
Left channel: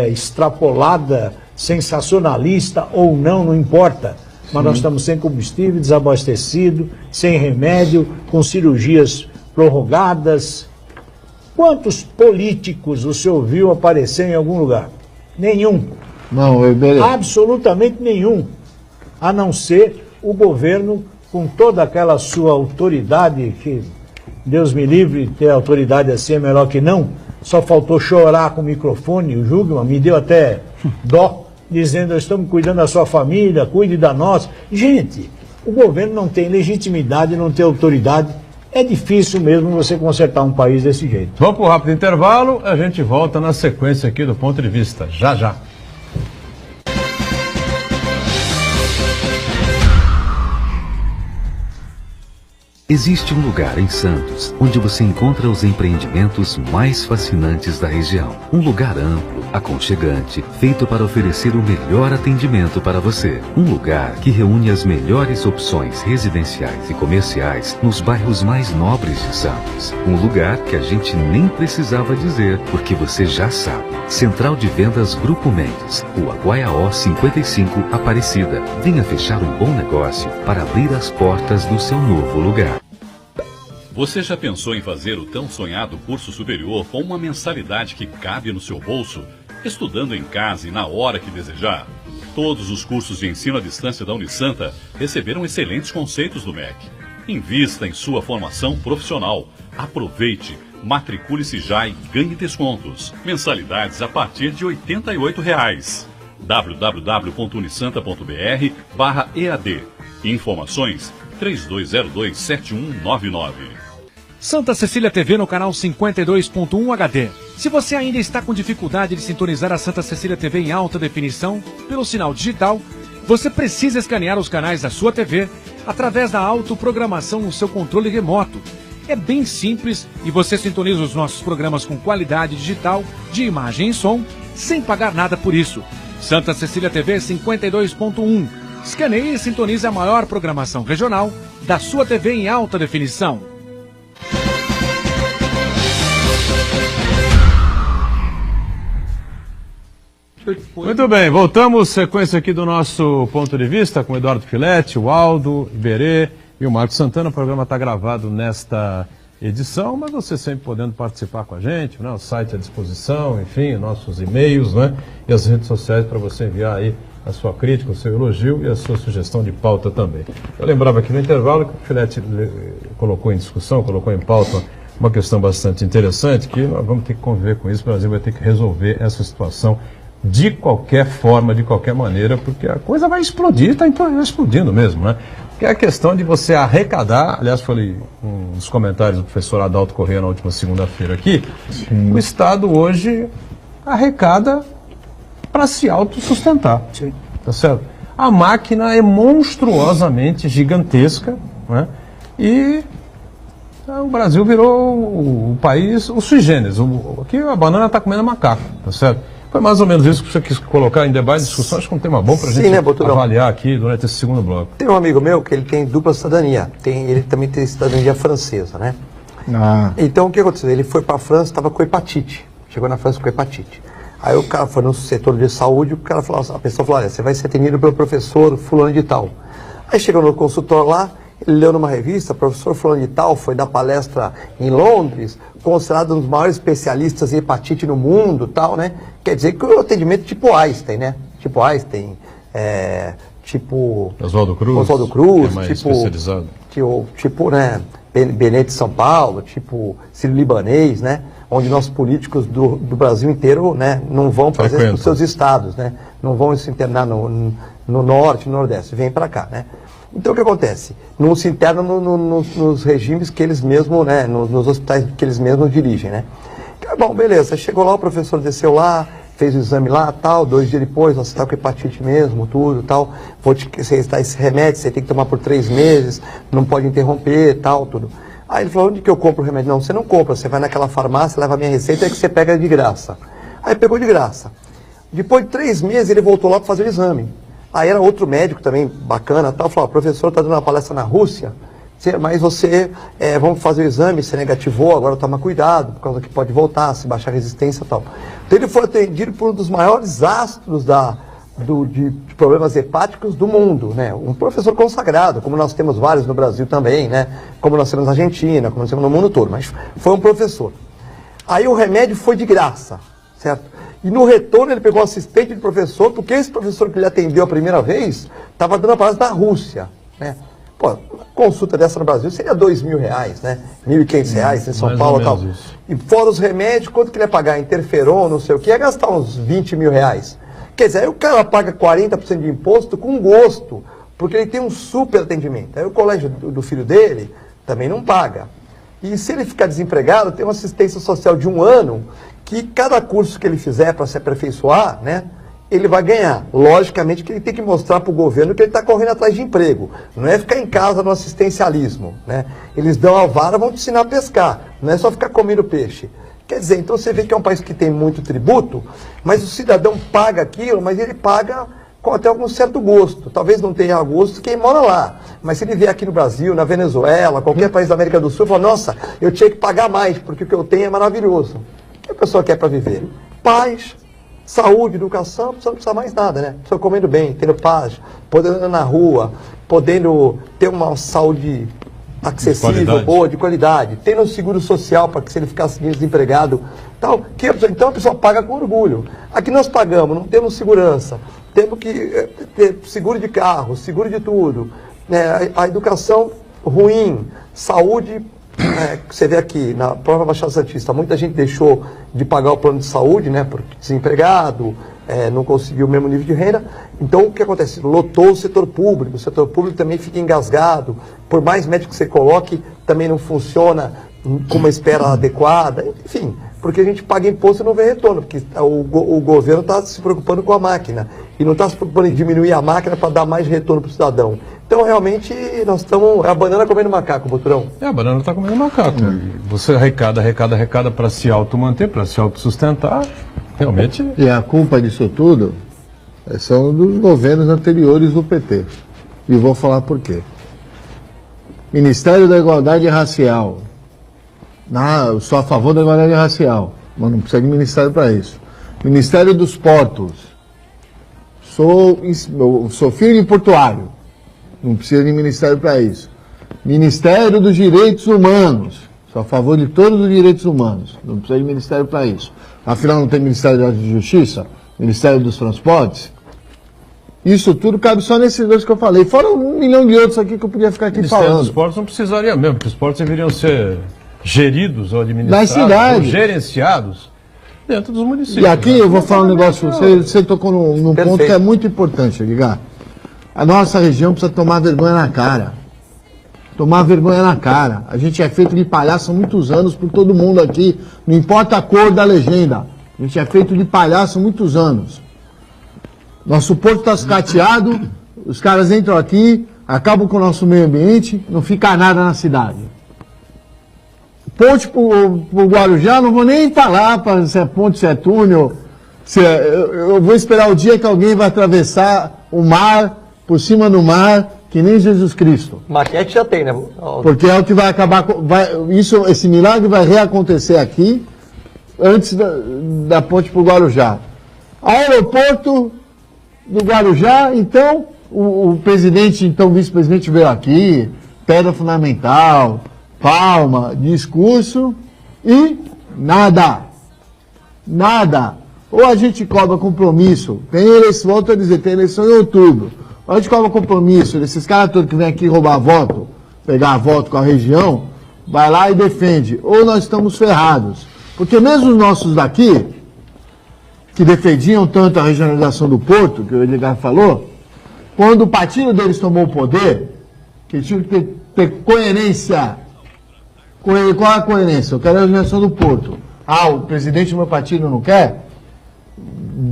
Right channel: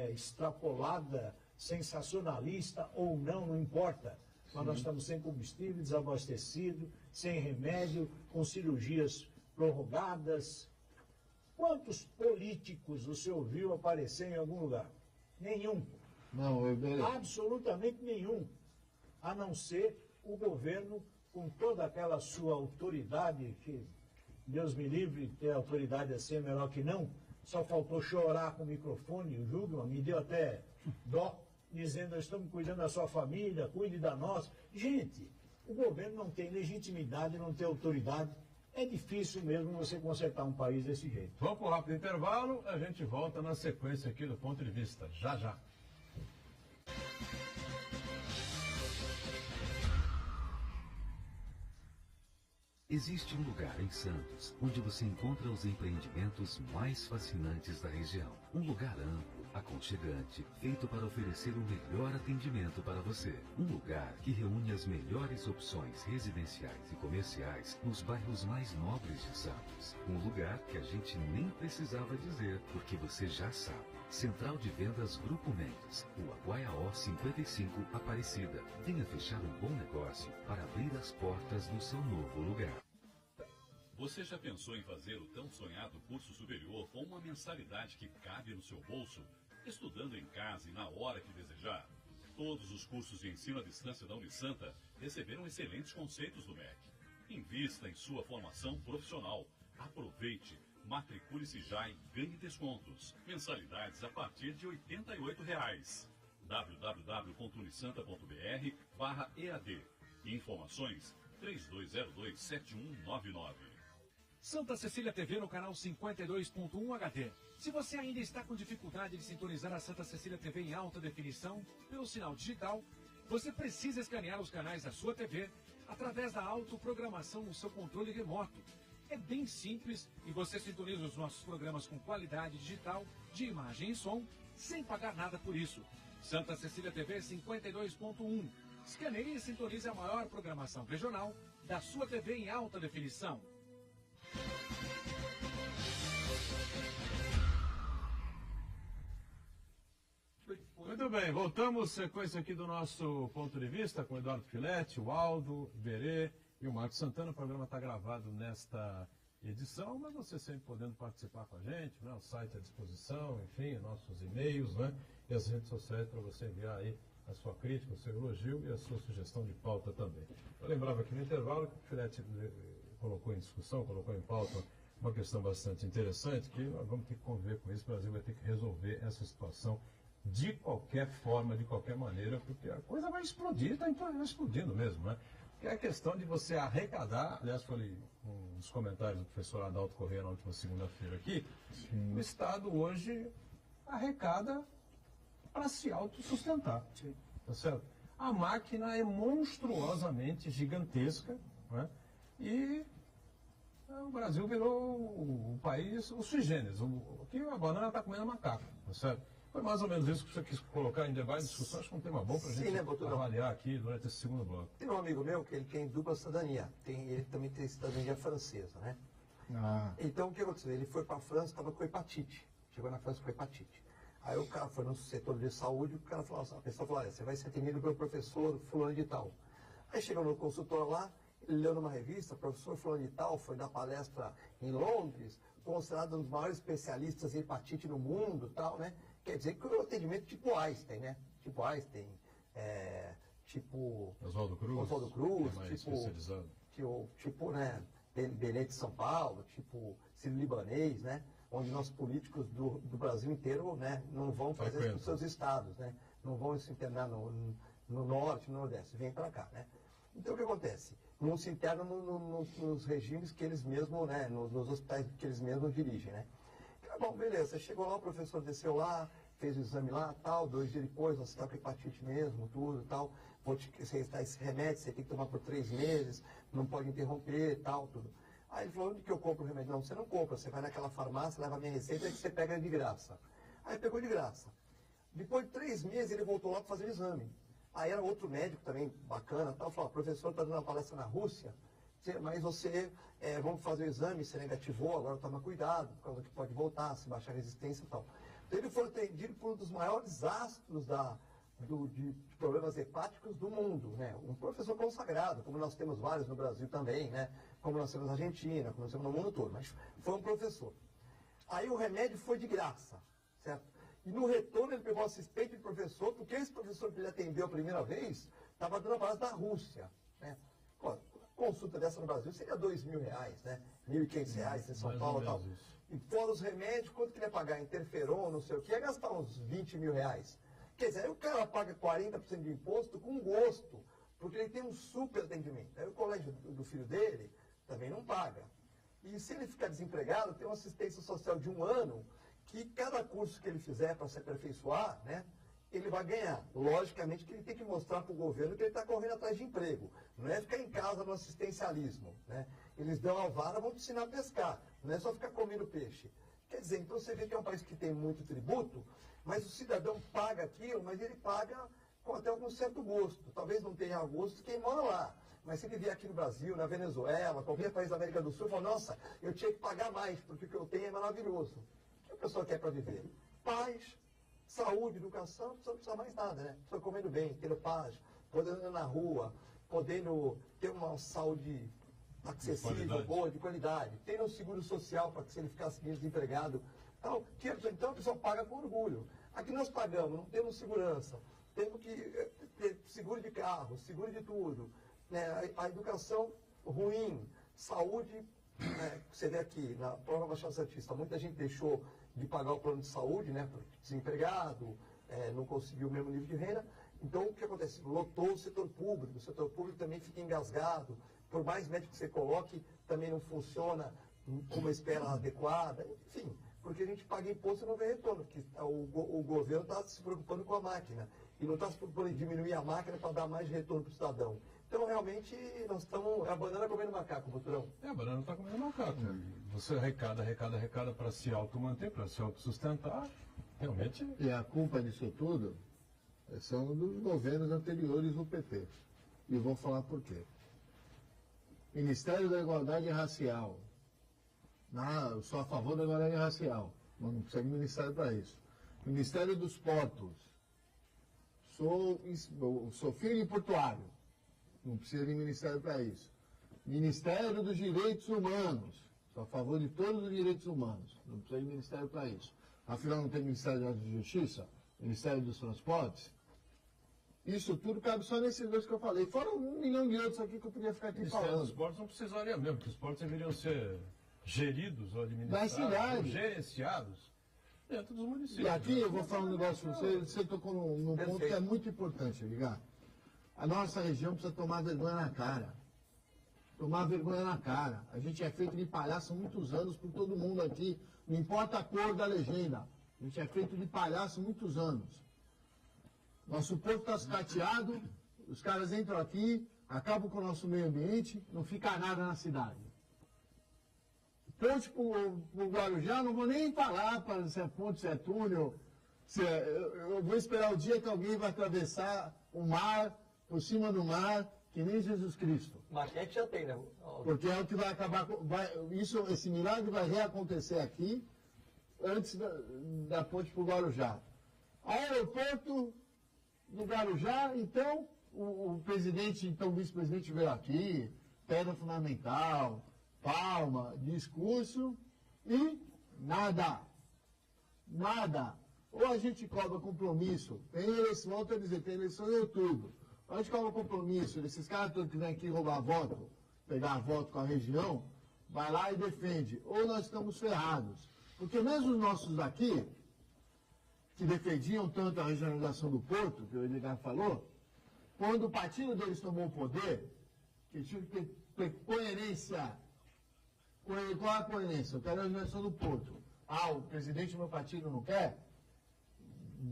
extrapolada, sensacionalista ou não importa. Mas nós estamos sem combustível, desabastecido, sem remédio, com cirurgias prorrogadas. Quantos políticos o senhor viu aparecer em algum lugar? Nenhum. Não, absolutamente nenhum. A não ser o governo com toda aquela sua autoridade, que Deus me livre, ter autoridade assim é melhor que não. Só faltou chorar com o microfone, o Jugman me deu até dó, dizendo, estamos cuidando da sua família, cuide da nossa. Gente, o governo não tem legitimidade, não tem autoridade. É difícil mesmo você consertar um país desse jeito. Vamos para um rápido intervalo, a gente volta na sequência aqui do Ponto de Vista. Já, já. Existe um lugar em Santos onde você encontra os empreendimentos mais fascinantes da região. Um lugar amplo, aconchegante, feito para oferecer o melhor atendimento para você. Um lugar que reúne as melhores opções residenciais e comerciais nos bairros mais nobres de Santos. Um lugar que a gente nem precisava dizer, porque você já sabe. Central de Vendas Grupo Mendes, Rua Guaiaó 55, Aparecida. Venha fechar um bom negócio para abrir as portas do seu novo lugar. Você já pensou em fazer o tão sonhado curso superior com uma mensalidade que cabe no seu bolso, estudando em casa e na hora que desejar? Todos os cursos de ensino à distância da Unisanta receberam excelentes conceitos do MEC. Invista em sua formação profissional. Aproveite, matricule-se já e ganhe descontos. Mensalidades a partir de R$ 88. www.unisanta.br/EAD. Informações 3202-7199. Santa Cecília TV no canal 52.1 HD. Se você ainda está com dificuldade de sintonizar a Santa Cecília TV em alta definição pelo sinal digital, você precisa escanear os canais da sua TV através da autoprogramação no seu controle remoto. É bem simples e você sintoniza os nossos programas com qualidade digital de imagem e som sem pagar nada por isso. Santa Cecília TV 52.1. Escaneie e sintonize a maior programação regional da sua TV em alta definição. Muito bem, voltamos, sequência aqui do nosso Ponto de Vista com o Eduardo Filete, o Aldo, Iberê e o Marcos Santana. O programa está gravado nesta edição, mas você sempre podendo participar com a gente, né? O site à disposição, enfim, nossos e-mails, né? E as redes sociais para você enviar aí a sua crítica, o seu elogio e a sua sugestão de pauta também. Eu lembrava aqui no intervalo que o Filete colocou em discussão, colocou em pauta uma questão bastante interessante, que nós vamos ter que conviver com isso, o Brasil vai ter que resolver essa situação de qualquer forma, de qualquer maneira, porque a coisa vai explodir, está explodindo mesmo, né? Que é a questão de você arrecadar, aliás, falei nos comentários do professor Adalto Corrêa na última segunda-feira aqui, o Estado hoje arrecada para se autossustentar, tá certo? A máquina é monstruosamente gigantesca, né? E o Brasil virou o país, o sui generis, aqui a banana está comendo macaco, tá certo? Foi mais ou menos isso que você quis colocar em debate, discussão, acho que é um tema bom para a gente, né, avaliar aqui durante esse segundo bloco. Tem um amigo meu que ele tem dupla cidadania, ele também tem cidadania francesa, né? Então o que aconteceu? Ele foi para a França, estava com hepatite, chegou na França com hepatite. Aí o cara foi no setor de saúde, a pessoa falou, olha, você vai ser atendido pelo professor fulano de tal. Aí chegou no consultório lá, ele leu numa revista, professor fulano de tal foi dar palestra em Londres, considerado um dos maiores especialistas em hepatite no mundo, tal, né? Quer dizer que o atendimento tipo Einstein, né? Tipo Einstein, tipo Oswaldo Cruz, que é mais especializado. tipo, né, Benete de São Paulo, tipo Sírio-Libanês, né, onde nossos políticos do Brasil inteiro, né, não vão fazer isso nos seus estados, né, não vão se internar no norte, no nordeste, vêm para cá, né. Então o que acontece? Não se internam nos regimes que eles mesmos, né, nos hospitais que eles mesmos dirigem, né. Bom, beleza, chegou lá, o professor desceu lá, fez o exame lá, tal, 2 dias depois, você está com hepatite mesmo, tudo, tal, vou te recitar esse remédio, você tem que tomar por 3 meses, não pode interromper, tal, tudo. Aí ele falou, onde que eu compro o remédio? Não, você não compra, você vai naquela farmácia, leva a minha receita, é que você pega de graça. Aí pegou de graça. Depois de 3 meses, ele voltou lá para fazer o exame. Aí era outro médico também, bacana, tal, falou, professor, está dando uma palestra na Rússia, mas você, vamos fazer o exame, você negativou, agora toma cuidado, por causa que pode voltar, se baixar a resistência e tal. Então ele foi atendido por um dos maiores astros de problemas hepáticos do mundo, né? Um professor consagrado, como nós temos vários no Brasil também, né? Como nós temos na Argentina, como nós temos no mundo todo, mas foi um professor. Aí o remédio foi de graça, certo? E no retorno ele pegou um assistente de professor, porque esse professor que ele atendeu a primeira vez estava dando a palestra da Rússia, né? Pô, uma consulta dessa no Brasil seria R$2.000, né? R$1.500 em São Paulo e tal. E fora os remédios, quanto que ele ia pagar? Interferon, não sei o que, ia gastar uns R$20.000. Quer dizer, aí o cara paga 40% de imposto com gosto, porque ele tem um super atendimento. Aí o colégio do filho dele também não paga. E se ele ficar desempregado, tem uma assistência social de 1 ano, que cada curso que ele fizer para se aperfeiçoar, né? Ele vai ganhar. Logicamente que ele tem que mostrar para o governo que ele está correndo atrás de emprego. Não é ficar em casa no assistencialismo, né? Eles dão a vara, vão te ensinar a pescar. Não é só ficar comendo peixe. Quer dizer, então você vê que é um país que tem muito tributo, mas o cidadão paga aquilo, mas ele paga com até algum certo gosto. Talvez não tenha gosto quem mora lá. Mas se ele vier aqui no Brasil, na Venezuela, qualquer país da América do Sul, fala, nossa, eu tinha que pagar mais, porque o que eu tenho é maravilhoso. O que a pessoa quer para viver? Paz, saúde, educação, não precisa mais nada, né? Pessoa comendo bem, tendo paz, podendo andar na rua, podendo ter uma saúde acessível, boa, de qualidade, tendo um seguro social para que se ele ficasse desempregado, tal, então a pessoa paga com orgulho. Aqui nós pagamos, não temos segurança, temos que ter seguro de carro, seguro de tudo, né? A educação ruim, saúde, você vê aqui na própria Baixada Santista, muita gente deixou de pagar o plano de saúde, né, porque desempregado, não conseguiu o mesmo nível de renda. Então, o que acontece? Lotou o setor público também fica engasgado, por mais médico que você coloque, também não funciona com uma espera adequada, enfim, porque a gente paga imposto e não vê retorno, porque o governo está se preocupando com a máquina, e não está se preocupando em diminuir a máquina para dar mais retorno para o cidadão. Então, realmente, nós estamos... É a banana comendo macaco, Boturão. A banana está comendo macaco. Você arrecada para se automanter, para se autossustentar, realmente... E a culpa disso tudo são dos governos anteriores do PT. E vou falar por quê. Ministério da Igualdade Racial. Eu sou a favor da igualdade racial, mas não precisa de ministério para isso. Ministério dos Portos. Sou filho de portuário. Não precisa de ministério para isso. Ministério dos Direitos Humanos. Sou a favor de todos os direitos humanos. Não precisa de ministério para isso. Afinal, não tem Ministério da Justiça? Ministério dos Transportes? Isso tudo cabe só nesses 2 que eu falei. Fora 1 milhão de outros aqui que eu podia ficar aqui Ministério falando. Dos Portos não precisaria mesmo, porque os portos deveriam ser geridos ou administrados, ou gerenciados dentro dos municípios. E aqui eu vou falar um negócio, você tocou num ponto que é muito importante, Edgar. A nossa região precisa tomar vergonha na cara. Tomar vergonha na cara. A gente é feito de palhaço há muitos anos por todo mundo aqui, não importa a cor da legenda. A gente é feito de palhaço há muitos anos. Nosso porto está sucateado, os caras entram aqui, acabam com o nosso meio ambiente, não fica nada na cidade. Ponte para o Guarujá, não vou nem falar se é ponte, se é túnel. Eu vou esperar o dia que alguém vai atravessar o mar, por cima do mar, que nem Jesus Cristo. Maquete já tem, né? Porque é o que vai acabar... esse milagre vai reacontecer aqui, antes da ponte para o Guarujá. Aeroporto do Guarujá, então, o presidente, então vice-presidente veio aqui, pedra fundamental, palma, discurso e nada. Nada. Ou a gente cobra compromisso, tem eleição, volto a dizer, tem eleição em outubro. A gente cobra compromisso desses caras todos que vêm aqui roubar voto, pegar voto com a região, vai lá e defende. Ou nós estamos ferrados. Porque mesmo os nossos daqui, que defendiam tanto a regionalização do Porto, que o Edgar falou, quando o partido deles tomou o poder, que tinha que ter coerência. Qual é a coerência? Eu quero a regionalização do Porto. Ah, o presidente do meu partido não quer?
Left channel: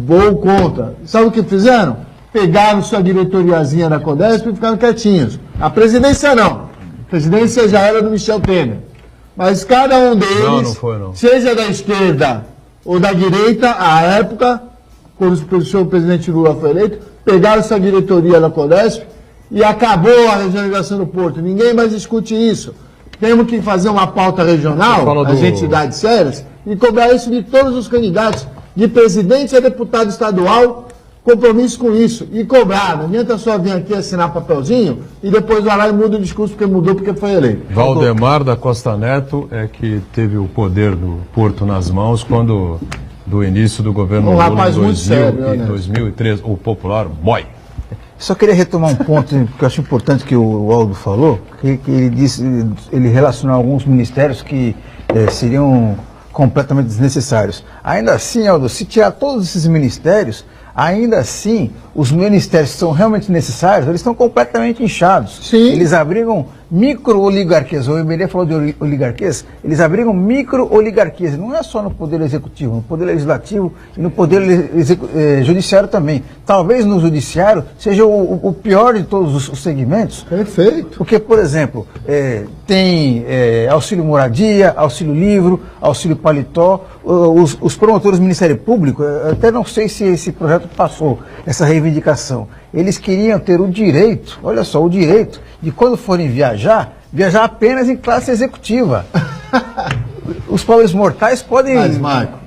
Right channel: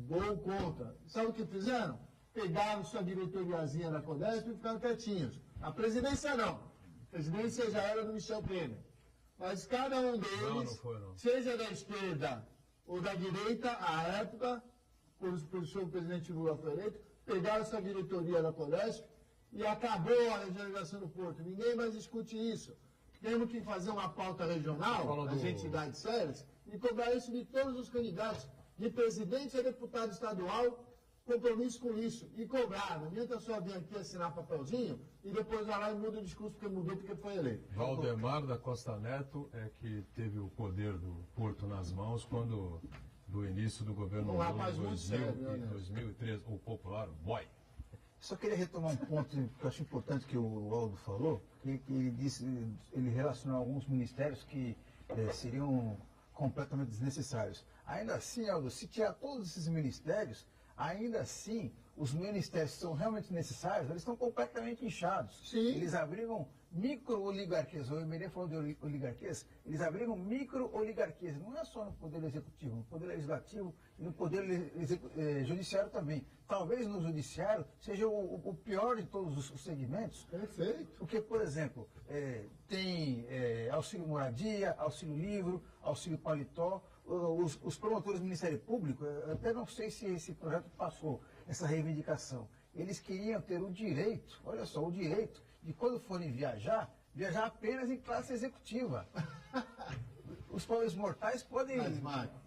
Vou contra. Sabe o que fizeram? Pegaram sua diretoriazinha da Codesp e ficaram quietinhos. A presidência não. A presidência já era do Michel Temer. Mas cada um deles, não foi, seja da esquerda ou da direita, à época, quando o presidente Lula foi eleito, pegaram sua diretoria da Codesp e acabou a regionalização do Porto. Ninguém mais discute isso. Temos que fazer uma pauta regional, as entidades sérias, e cobrar isso de todos os candidatos, de presidente a deputado estadual, compromisso com isso. E cobrar. Não adianta só vir aqui assinar papelzinho e depois vai lá e muda o discurso porque mudou, porque foi eleito. Valdemar da Costa Neto é que teve o poder do Porto nas mãos quando, do início do governo Lula em 2013, o popular boy. Só queria retomar um ponto que eu acho importante que o Aldo falou, que ele disse, ele relacionou alguns ministérios que seriam completamente desnecessários. Ainda assim, Aldo, se tirar todos esses ministérios, ainda assim, os ministérios que são realmente necessários, eles estão completamente inchados. Sim. Eles abrigam micro-oligarquias. O Emerê falou de oligarquias. Eles abrigam micro-oligarquias. Não é só no Poder Executivo, no Poder Legislativo e no Poder Judiciário também. Talvez no Judiciário seja o pior de todos os segmentos. Perfeito. Porque, por exemplo, tem auxílio moradia, auxílio livro, auxílio paletó. Os promotores do Ministério Público, até não sei se esse projeto passou, essa reivindicação. Eles queriam ter o direito, olha só, o direito de quando forem viajar apenas em classe executiva. Os pobres mortais podem... Mas, Marco,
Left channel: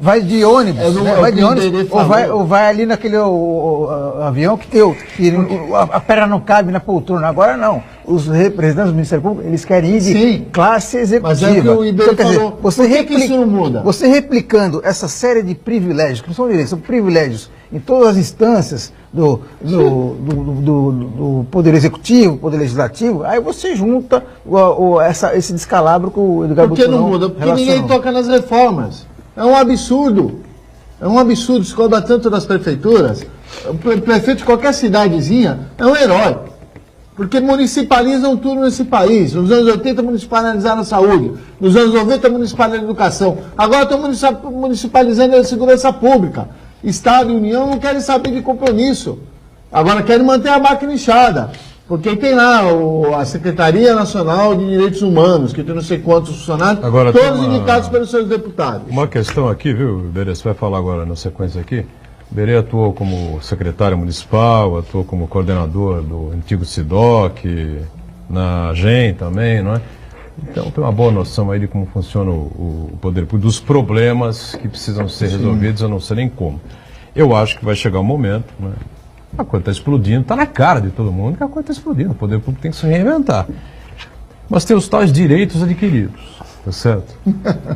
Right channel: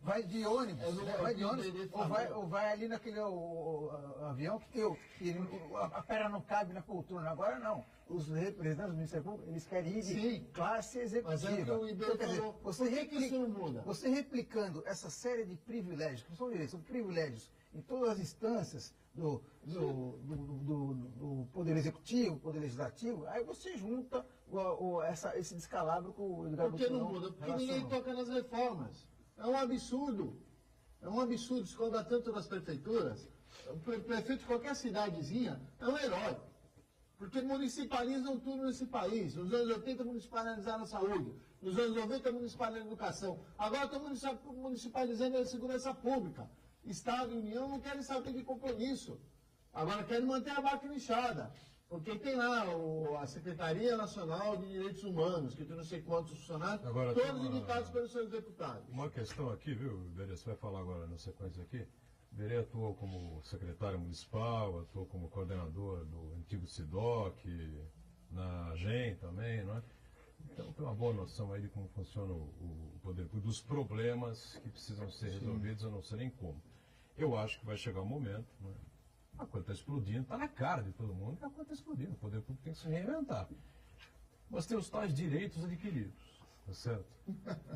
vai de ônibus, né? Vai de ônibus ou vai ali naquele avião que a perna não cabe na poltrona. Agora não. Os representantes do Ministério Público, eles querem ir de classe executiva. Mas é o que o Iberê falou. Por que isso não muda? Você replicando essa série de privilégios, que não são direitos, são privilégios em todas as instâncias do Poder Executivo, Poder Legislativo, aí você junta esse descalabro que o Edgar Bucco Por que não muda? Porque ninguém toca nas reformas. É um absurdo. É um absurdo. Se cobra tanto das prefeituras. O prefeito de qualquer cidadezinha é um herói. Porque municipalizam tudo nesse país. Nos anos 80 municipalizaram a saúde. Nos anos 90 municipalizaram a educação. Agora estão municipalizando a segurança pública. Estado e União não querem saber de compromisso. Agora querem manter a máquina inchada. Porque tem lá a Secretaria Nacional de Direitos Humanos, que tem não sei quantos funcionários, agora, todos indicados pelos seus deputados. Uma questão aqui, viu, Iberê, você vai falar agora na sequência aqui. Iberê atuou como secretário municipal, atuou como coordenador do antigo SIDOC, na AGEM também, não é? Então tem uma boa noção aí de como funciona o poder público, dos problemas que precisam ser resolvidos, eu não sei nem como. Eu acho que vai chegar um momento, né? A coisa está explodindo, está na cara de todo mundo que a coisa está explodindo, o poder público tem que se reinventar. Mas tem os tais direitos adquiridos, tá certo? Tá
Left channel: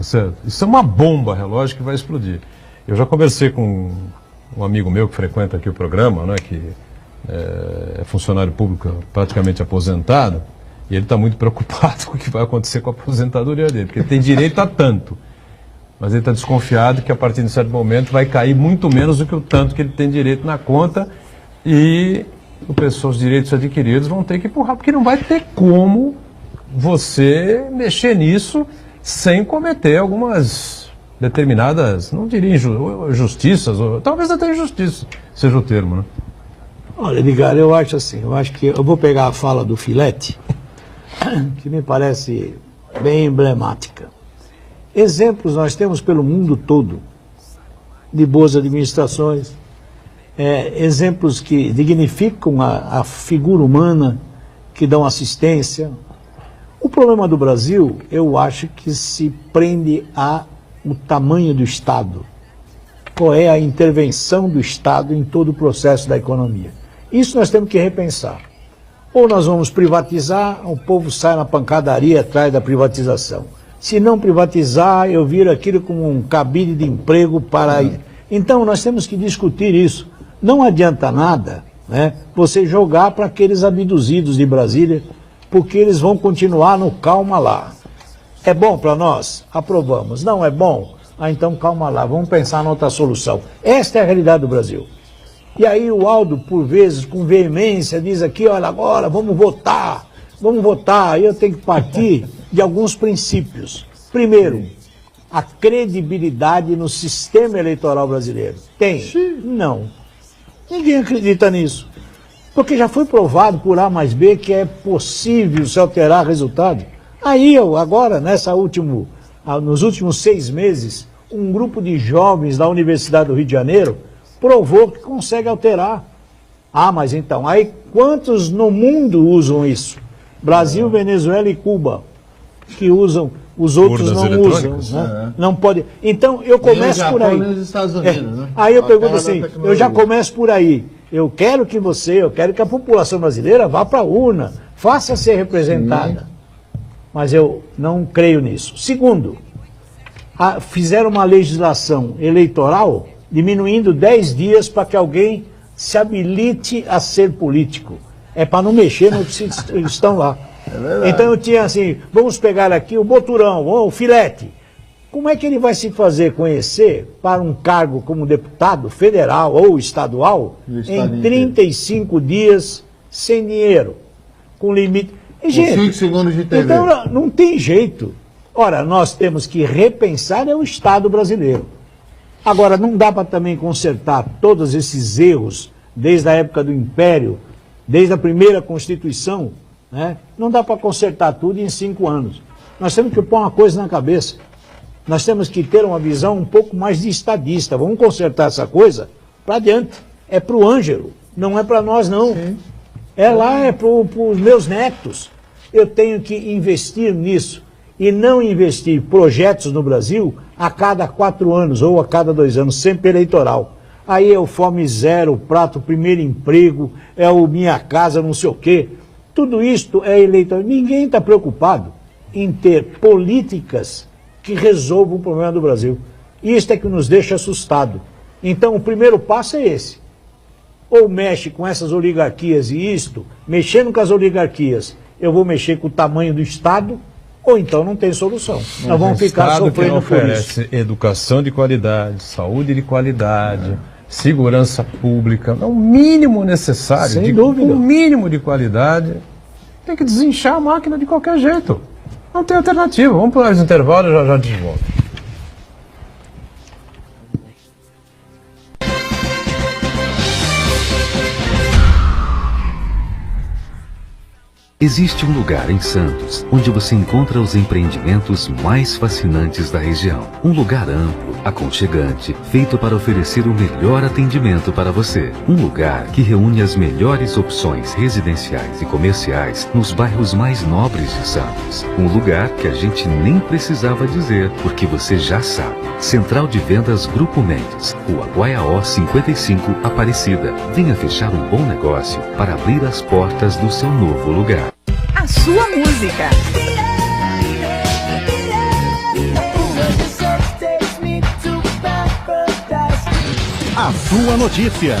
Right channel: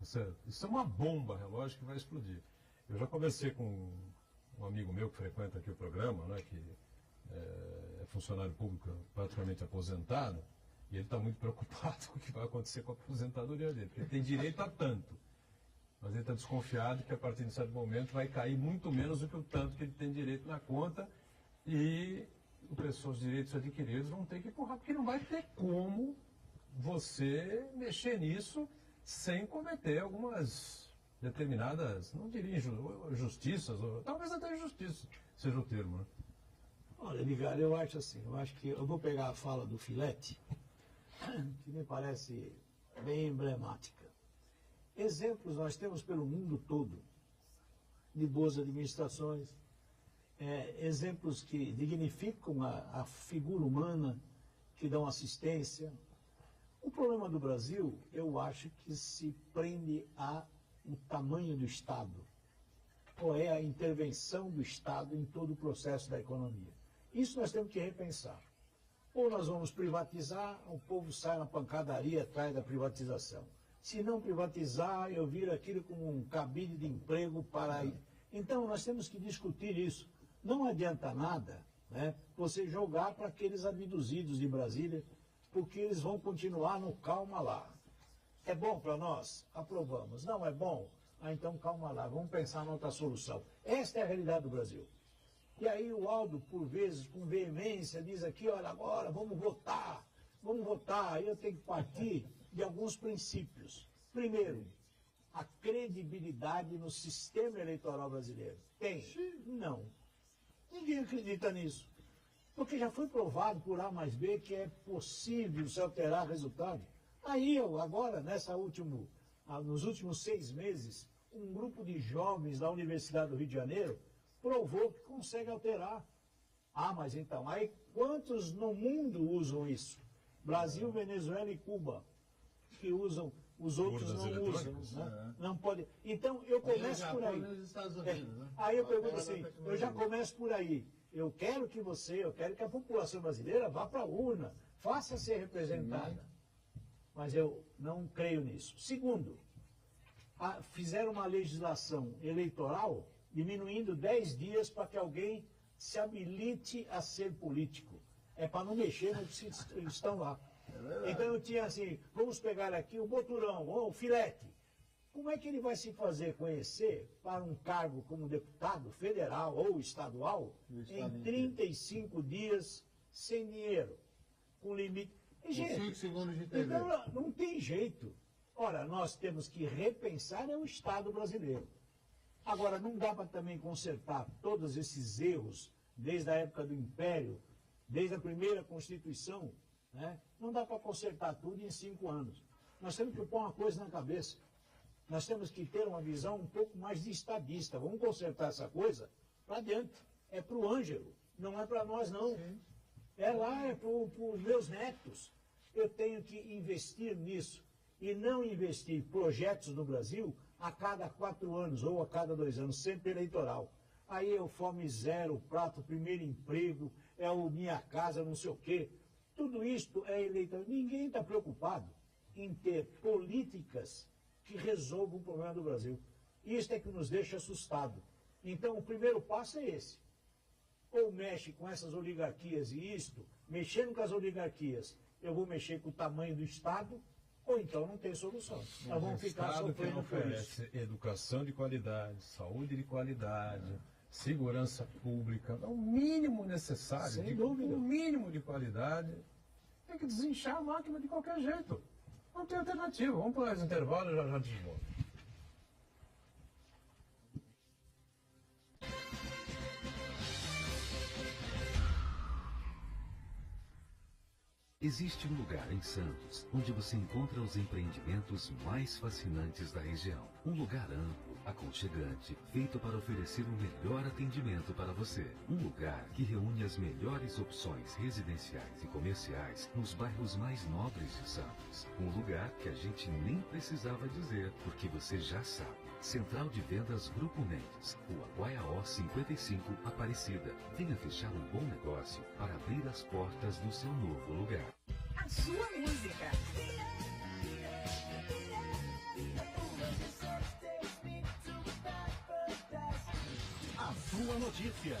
certo? Isso é uma bomba relógio que vai explodir. Eu já conversei com um amigo meu que frequenta aqui o programa, né, que é funcionário público praticamente aposentado, e ele está muito preocupado com o que vai acontecer com a aposentadoria dele, porque ele tem direito a tanto. Mas ele está desconfiado que a partir de certo momento vai cair muito menos do que o tanto que ele tem direito na conta e os direitos adquiridos vão ter que empurrar, porque não vai ter como você mexer nisso sem cometer algumas determinadas, não diria injustiças, ou talvez até injustiça seja o termo, né? Olha, Edgar, eu acho que eu vou pegar a fala do Filete, que me parece bem emblemática. Exemplos nós temos pelo mundo todo de boas administrações, exemplos que dignificam a figura humana, que dão assistência. O problema do Brasil, eu acho que se prende ao tamanho do Estado. Qual é a intervenção do Estado em todo o processo da economia? Isso nós temos que repensar. Ou nós vamos privatizar, o povo sai na pancadaria atrás da privatização. Se não privatizar, eu viro aquilo como um cabide de emprego para... Então, nós temos que discutir isso. Não adianta nada né, você jogar para aqueles abduzidos de Brasília, porque eles vão continuar no calma lá. É bom para nós? Aprovamos. Não é bom? Então calma lá, vamos pensar em outra solução. Esta é a realidade do Brasil. E aí o Aldo, por vezes, com veemência, diz aqui, olha, agora vamos votar. Aí eu tenho que partir de alguns princípios. Primeiro, a credibilidade no sistema eleitoral brasileiro. Tem? Não. Ninguém acredita nisso. Porque já foi provado por A mais B que é possível se alterar resultado. Aí agora, nos últimos 6 meses, um grupo de jovens da Universidade do Rio de Janeiro provou que consegue alterar. Mas então, aí quantos no mundo usam isso? Brasil, Venezuela e Cuba, que usam, os outros não usam. Né? Não pode. Então, eu começo por aí. Estados Unidos, né? Aí eu pergunto assim, eu já começo por aí. Eu quero que a população brasileira vá para a urna, faça ser representada. Mas eu não creio nisso. Segundo, fizeram uma legislação eleitoral diminuindo 10 dias para que alguém se habilite a ser político. É para não mexer no que estão lá. Então eu tinha assim, vamos pegar aqui o Boturão, ou o Filete. Como é que ele vai se fazer conhecer para um cargo como deputado federal ou estadual em 35 dias sem dinheiro, com limite? E, gente, 5 segundos de TV. Então não tem jeito. Ora, nós temos que repensar o Estado brasileiro. Agora, não dá para também consertar todos esses erros desde a época do Império, desde a primeira Constituição, né? Não dá para consertar tudo em 5 anos. Nós temos que pôr uma coisa na cabeça. Nós temos que ter uma visão um pouco mais de estadista. Vamos consertar essa coisa para adiante. É para o Ângelo, não é para nós, não. Sim. É para os meus netos. Eu tenho que investir nisso e não investir projetos no Brasil a cada 4 anos ou a cada 2 anos, sempre eleitoral. Aí é o Fome Zero, o Prato Primeiro Emprego, é o Minha Casa, não sei o quê. Tudo isto é eleitoral. Ninguém está preocupado em ter políticas que resolvam o problema do Brasil. Isto é que nos deixa assustado. Então, o primeiro passo é esse. Ou mexe com essas oligarquias e isto, mexendo com as oligarquias, eu vou mexer com o tamanho do Estado, ou então não tem solução. Nós vamos ficar sofrendo por isso. Educação de qualidade, saúde de qualidade, segurança pública, é o mínimo necessário. Sem dúvida. O mínimo de qualidade. Tem que desinchar a máquina de qualquer jeito. Não tem alternativa. Vamos para os intervalos e já de volta. Existe um lugar em Santos onde você encontra os empreendimentos mais fascinantes da região. Um lugar amplo, aconchegante, feito para oferecer o melhor atendimento para você. Um lugar que reúne as melhores opções residenciais e comerciais nos bairros mais nobres de Santos. Um lugar que a gente nem precisava dizer, porque você já sabe. Central de Vendas Grupo Mendes, Rua Guaiaó 55, Aparecida. Venha fechar um bom negócio para abrir as portas do seu novo lugar. A sua música. A sua notícia.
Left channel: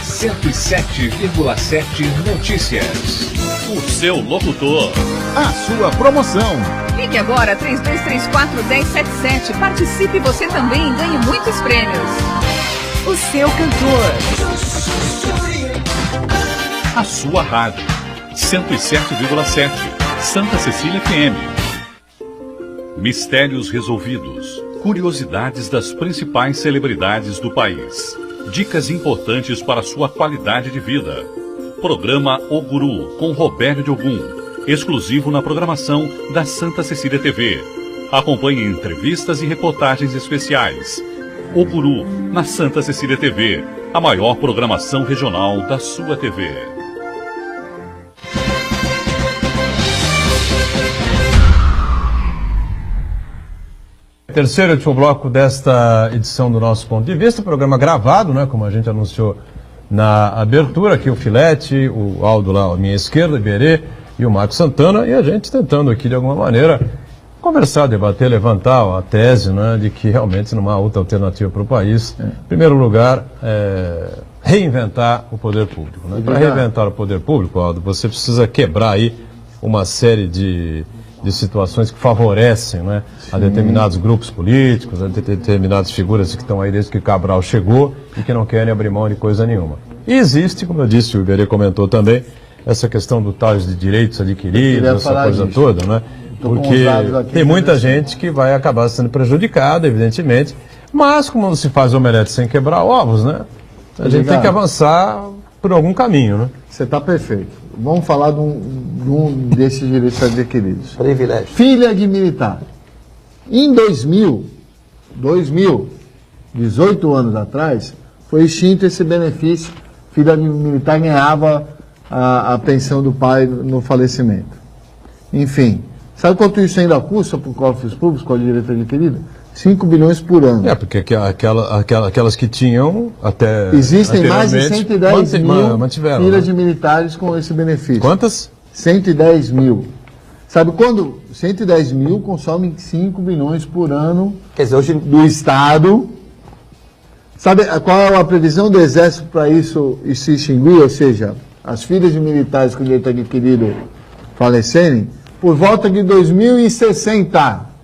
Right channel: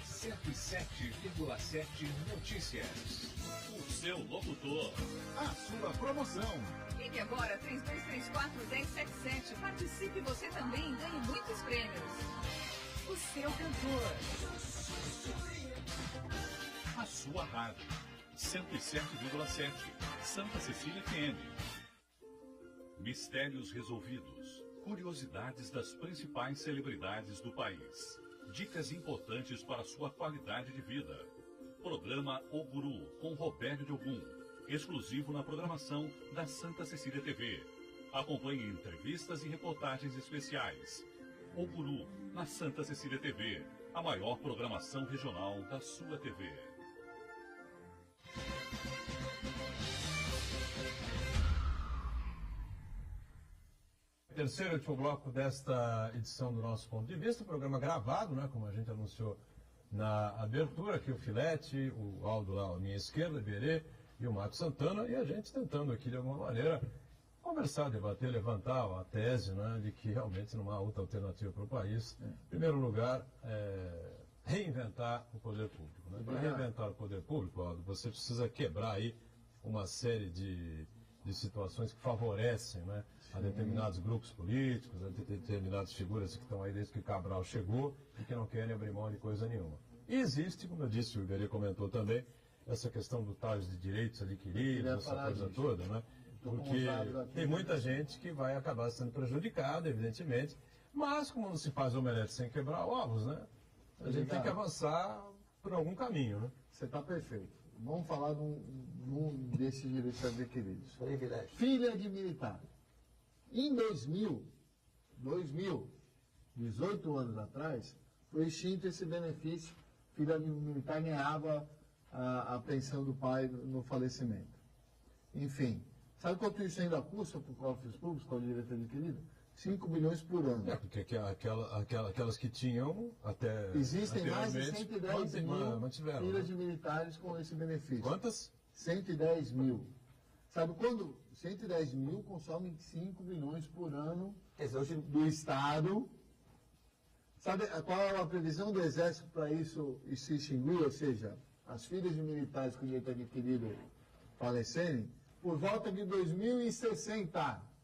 107,7 Notícias. O seu locutor. A sua promoção. Ligue agora 3234-1077. Participe você também e ganhe muitos prêmios. O seu cantor. A sua rádio. 107,7 Santa Cecília FM. Mistérios resolvidos. Curiosidades das principais celebridades do país. Dicas importantes para sua qualidade de vida. Programa O Guru com Robério de Ogum. Exclusivo na programação da Santa Cecília TV. Acompanhe entrevistas e reportagens especiais. O Guru na Santa Cecília TV. A maior programação regional da sua TV. Terceiro e último bloco desta edição do nosso Ponto de Vista, programa gravado, né, como a gente anunciou na abertura, aqui o Filete, o Aldo lá à minha esquerda, o Iberê e o Marcos Santana, e a gente tentando aqui de alguma maneira conversar, debater, levantar a tese, né, de que realmente não há outra alternativa para o país. Em primeiro lugar, reinventar o poder público. Né? Para reinventar o poder público, Aldo, você precisa quebrar aí uma série de situações que favorecem, né, a determinados grupos políticos, a determinadas figuras que estão aí desde que Cabral chegou e que não querem abrir mão de coisa nenhuma. E existe, como eu disse, o Iberê comentou também, essa questão do tal de direitos adquiridos, essa coisa toda, né? Porque tem muita gente que vai acabar sendo prejudicada, evidentemente, mas como não se faz omelete sem quebrar ovos, né? A gente tem que avançar por algum caminho, né? Você está perfeito. Vamos falar de um desses direitos adquiridos. Privilégio. Filha de militar. Em 2000, 18 anos atrás, foi extinto esse benefício. Filha de militar ganhava a pensão do pai no falecimento. Enfim, sabe quanto isso ainda custa para os cofres públicos com a direito adquirido? 5 bilhões por ano. Porque aquelas que tinham até... Existem mais de 110 mil filhas, né, de militares com esse benefício. Quantas? 110 mil. Sabe quando 110 mil consomem 5 bilhões por ano, quer dizer, hoje do Estado? Sabe qual é a previsão do Exército para isso se extinguir? Ou seja, as filhas de militares com direito adquirido falecerem? Por volta de 2060.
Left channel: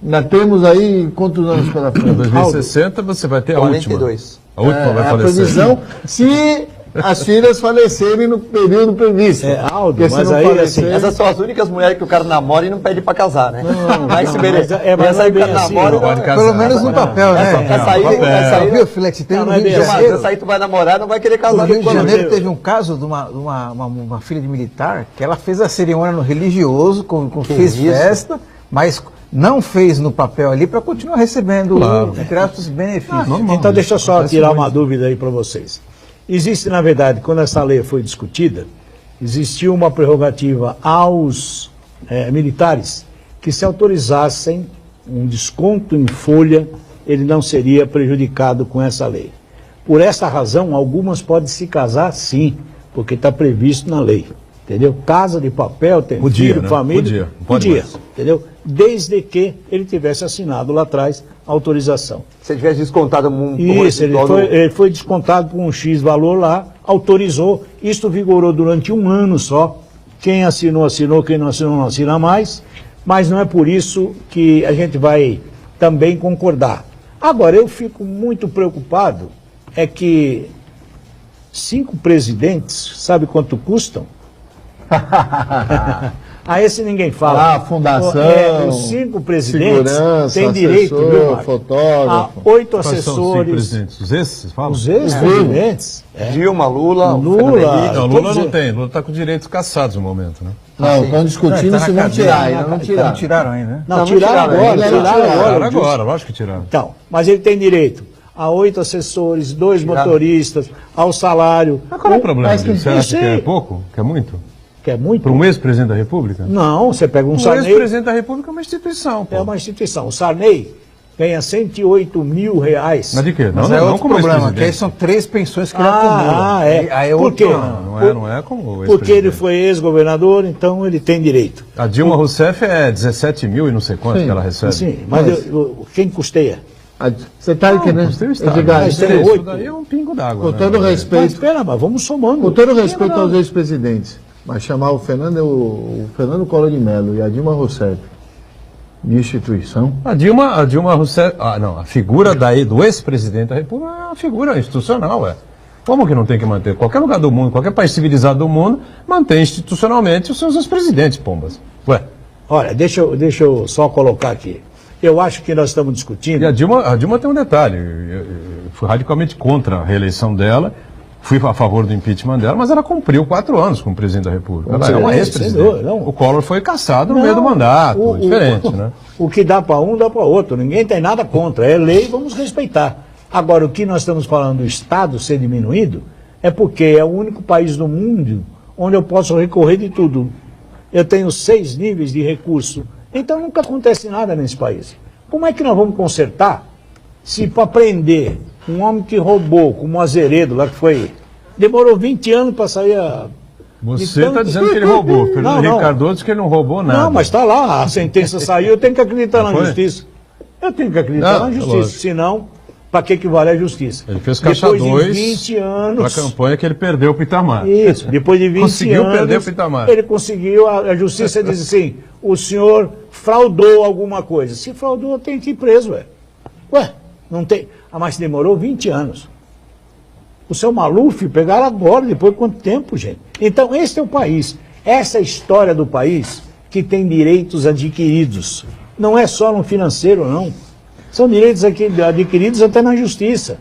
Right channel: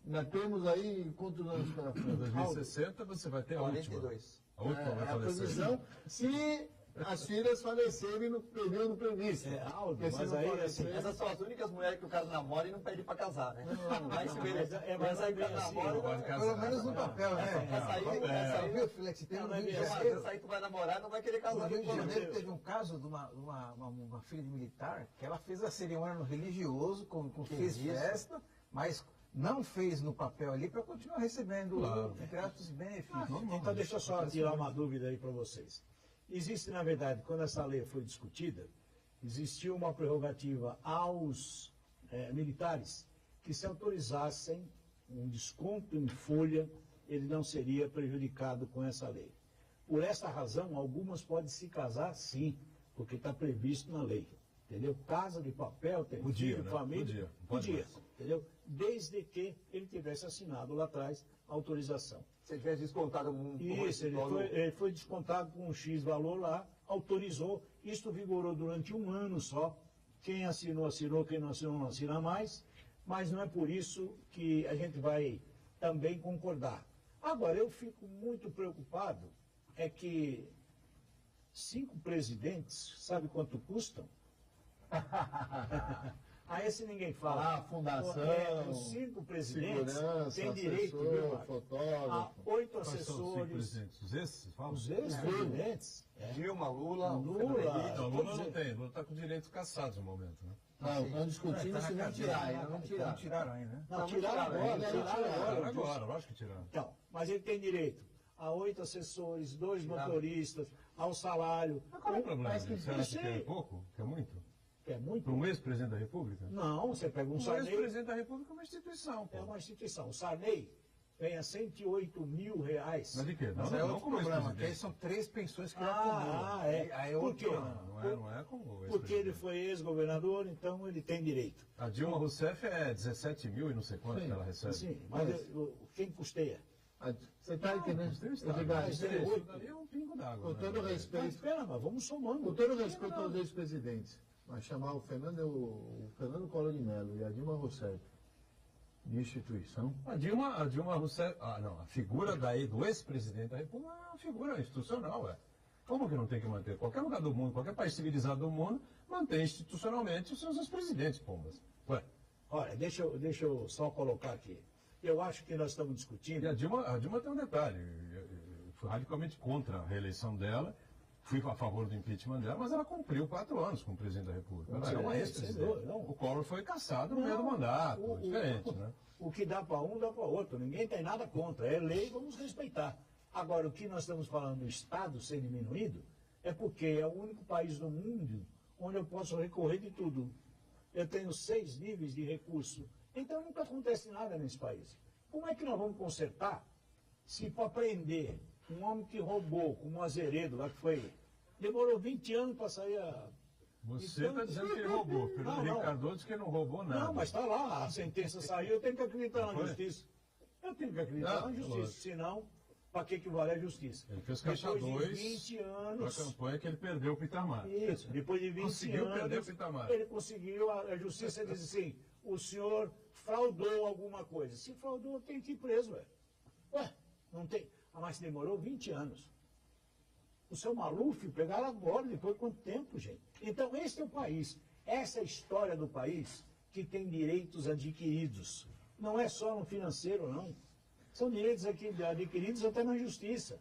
Ainda temos aí quantos anos pela frente? Em 2060 você vai ter a 42. última. A última vai falecer. A previsão, se as filhas falecerem no período previsto. Aldo, mas aí assim... Essas são as únicas mulheres que o cara namora e não pede pra casar, né? Mas se merece. Mas aí o cara namora... Pelo menos no papel, né? Essa aí... Viu, Flex? Tem no Rio de Essa Janeiro. aí tu vai namorar, não vai querer casar. No Rio de Janeiro teve um caso de uma filha de militar que ela fez a cerimônia no religioso, fez festa, mas... não fez no papel ali para continuar recebendo os benefícios. Então deixa eu só tirar uma dúvida aí para vocês. Existe, na verdade, quando essa lei foi discutida, existiu uma prerrogativa aos militares que se autorizassem um desconto em folha, ele não seria prejudicado com essa lei. Por essa razão, algumas podem se casar sim, porque está previsto na lei. Entendeu? Casa de papel, tem filho, né? família. Podia. Entendeu? Desde que ele tivesse assinado lá atrás a autorização. Se ele tivesse descontado Isso, ele foi descontado por um X valor lá, autorizou. Isto vigorou durante 1 ano só. Quem assinou, assinou. Quem não assinou, não assina mais. Mas não é por isso que a gente vai também concordar. Agora, eu fico muito preocupado, é que 5 presidentes, sabe quanto custam? A esse ninguém fala. A fundação, os 5 presidentes têm direito, fotógrafo. a 8 assessores. Os esses, falam? Os ex-presidentes. Dilma, Lula. Lula não tem. Lula está com direitos cassados no momento, né? Não, estão discutindo se vão tirar, ainda não tiraram. Não tiraram ainda, né? Não, tiraram agora, lógico que tiraram. Então, mas ele tem direito a 8 assessores, 2 motoristas, ao salário. Mas qual é o problema disso? Você acha que é pouco? Que é muito? Que é muito? Para um ex-presidente da República? Não, você pega um Sarney... O ex-presidente da República é uma instituição. É uma instituição. O Sarney ganha 108 mil reais. Mas de quê? Mas é outro problema, que aí são 3 pensões que ele acumula. É. Por quê? Não é como o ex-presidente. Porque ele foi ex-governador, então ele tem direito. A Dilma Rousseff é 17 mil e não sei quanto que ela recebe. Sim, mas quem custeia? Você está aqui, né? Isso daí é um pingo d'água. Com todo respeito. Mas espera, mas vamos somando. Com todo respeito aos ex-presidentes, mas chamar o Fernando Collor de Mello e a Dilma Rousseff de instituição? A Dilma Rousseff... a figura do ex-presidente da República é uma figura institucional, Como que não tem que manter? Qualquer lugar do mundo, qualquer país civilizado do mundo, mantém institucionalmente os seus ex-presidentes, pombas. Olha, deixa eu só colocar aqui. Eu acho que nós estamos discutindo... E a Dilma tem um detalhe. Eu fui radicalmente contra a reeleição dela, fui a favor do impeachment dela, mas ela cumpriu 4 anos como presidente da República. Ela é uma ex-presidente. O Collor foi cassado no meio do mandato, diferente, né? O que dá para um, dá para outro. Ninguém tem nada contra. É lei, vamos respeitar. Agora, o que nós estamos falando do Estado ser diminuído é porque é o único país do mundo onde eu posso recorrer de tudo. Eu tenho 6 níveis de recurso. Então nunca acontece nada nesse país. Como é que nós vamos consertar se para prender um homem que roubou, como o Azeredo lá que foi, demorou 20 anos para sair Você está dizendo que ele roubou. Fernando Henrique Cardoso diz que ele não roubou nada. Não, mas está lá, a sentença saiu, eu tenho que acreditar na justiça. Eu tenho que acreditar na justiça, senão, para que vale a justiça? Ele fez caixa 2 depois de 20 anos... para a campanha que ele perdeu para o Itamar. Isso, depois de 20 conseguiu anos... perder para o Itamar. Ele conseguiu, a justiça diz assim, o senhor fraudou alguma coisa. Se fraudou, tem que ir preso, Ué, não tem... mas demorou 20 anos. O seu Maluf pegaram agora, depois de quanto tempo, gente? Então, esse é o país. Essa é a história do país que tem direitos adquiridos. Não é só no financeiro, não. São direitos adquiridos até na justiça.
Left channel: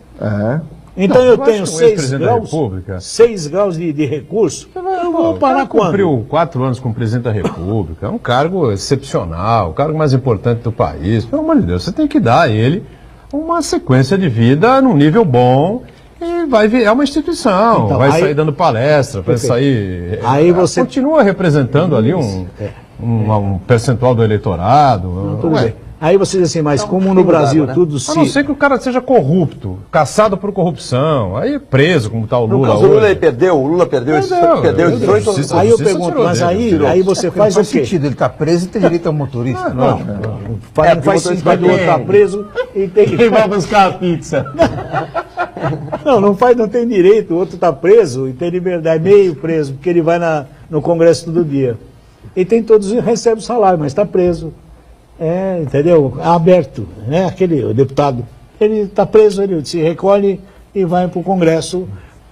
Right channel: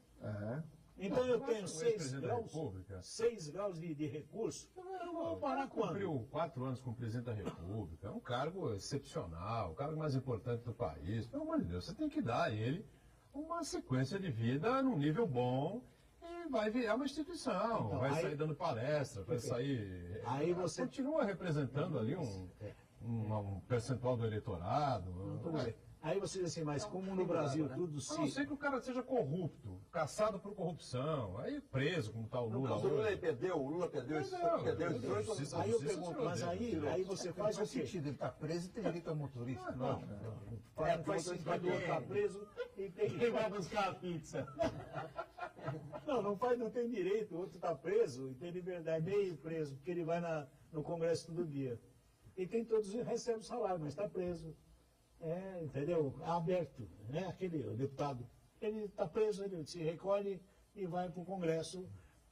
Então eu tenho 6 graus de recurso. Eu vou parar quando? Cumpriu 4 anos como presidente da República. É um cargo excepcional, o cargo mais importante do país. Pelo amor de Deus, você tem que dar a ele uma sequência de vida num nível bom e vai ver, é uma instituição, então, vai sair dando palestra, vai sair... Aí você continua representando ali um percentual do eleitorado. Não, tudo bem. Aí você diz assim, mas como no Brasil tudo se... A não ser que o cara seja corrupto, caçado por corrupção, aí preso, como está o Lula. No caso, o Lula perdeu, o Lula perdeu 18 Aí eu pergunto, mas aí você faz o quê? Sentido, ele está preso e tem direito ao motorista. Não faz sentido o outro estar preso e tem que... Quem vai buscar a pizza? Não tem direito, o outro está preso e tem liberdade, meio preso, porque ele vai no Congresso todo dia. E tem todos, recebe o salário, mas está preso. Entendeu? Aberto, né? O deputado, ele está preso, ele se recolhe e vai para o Congresso,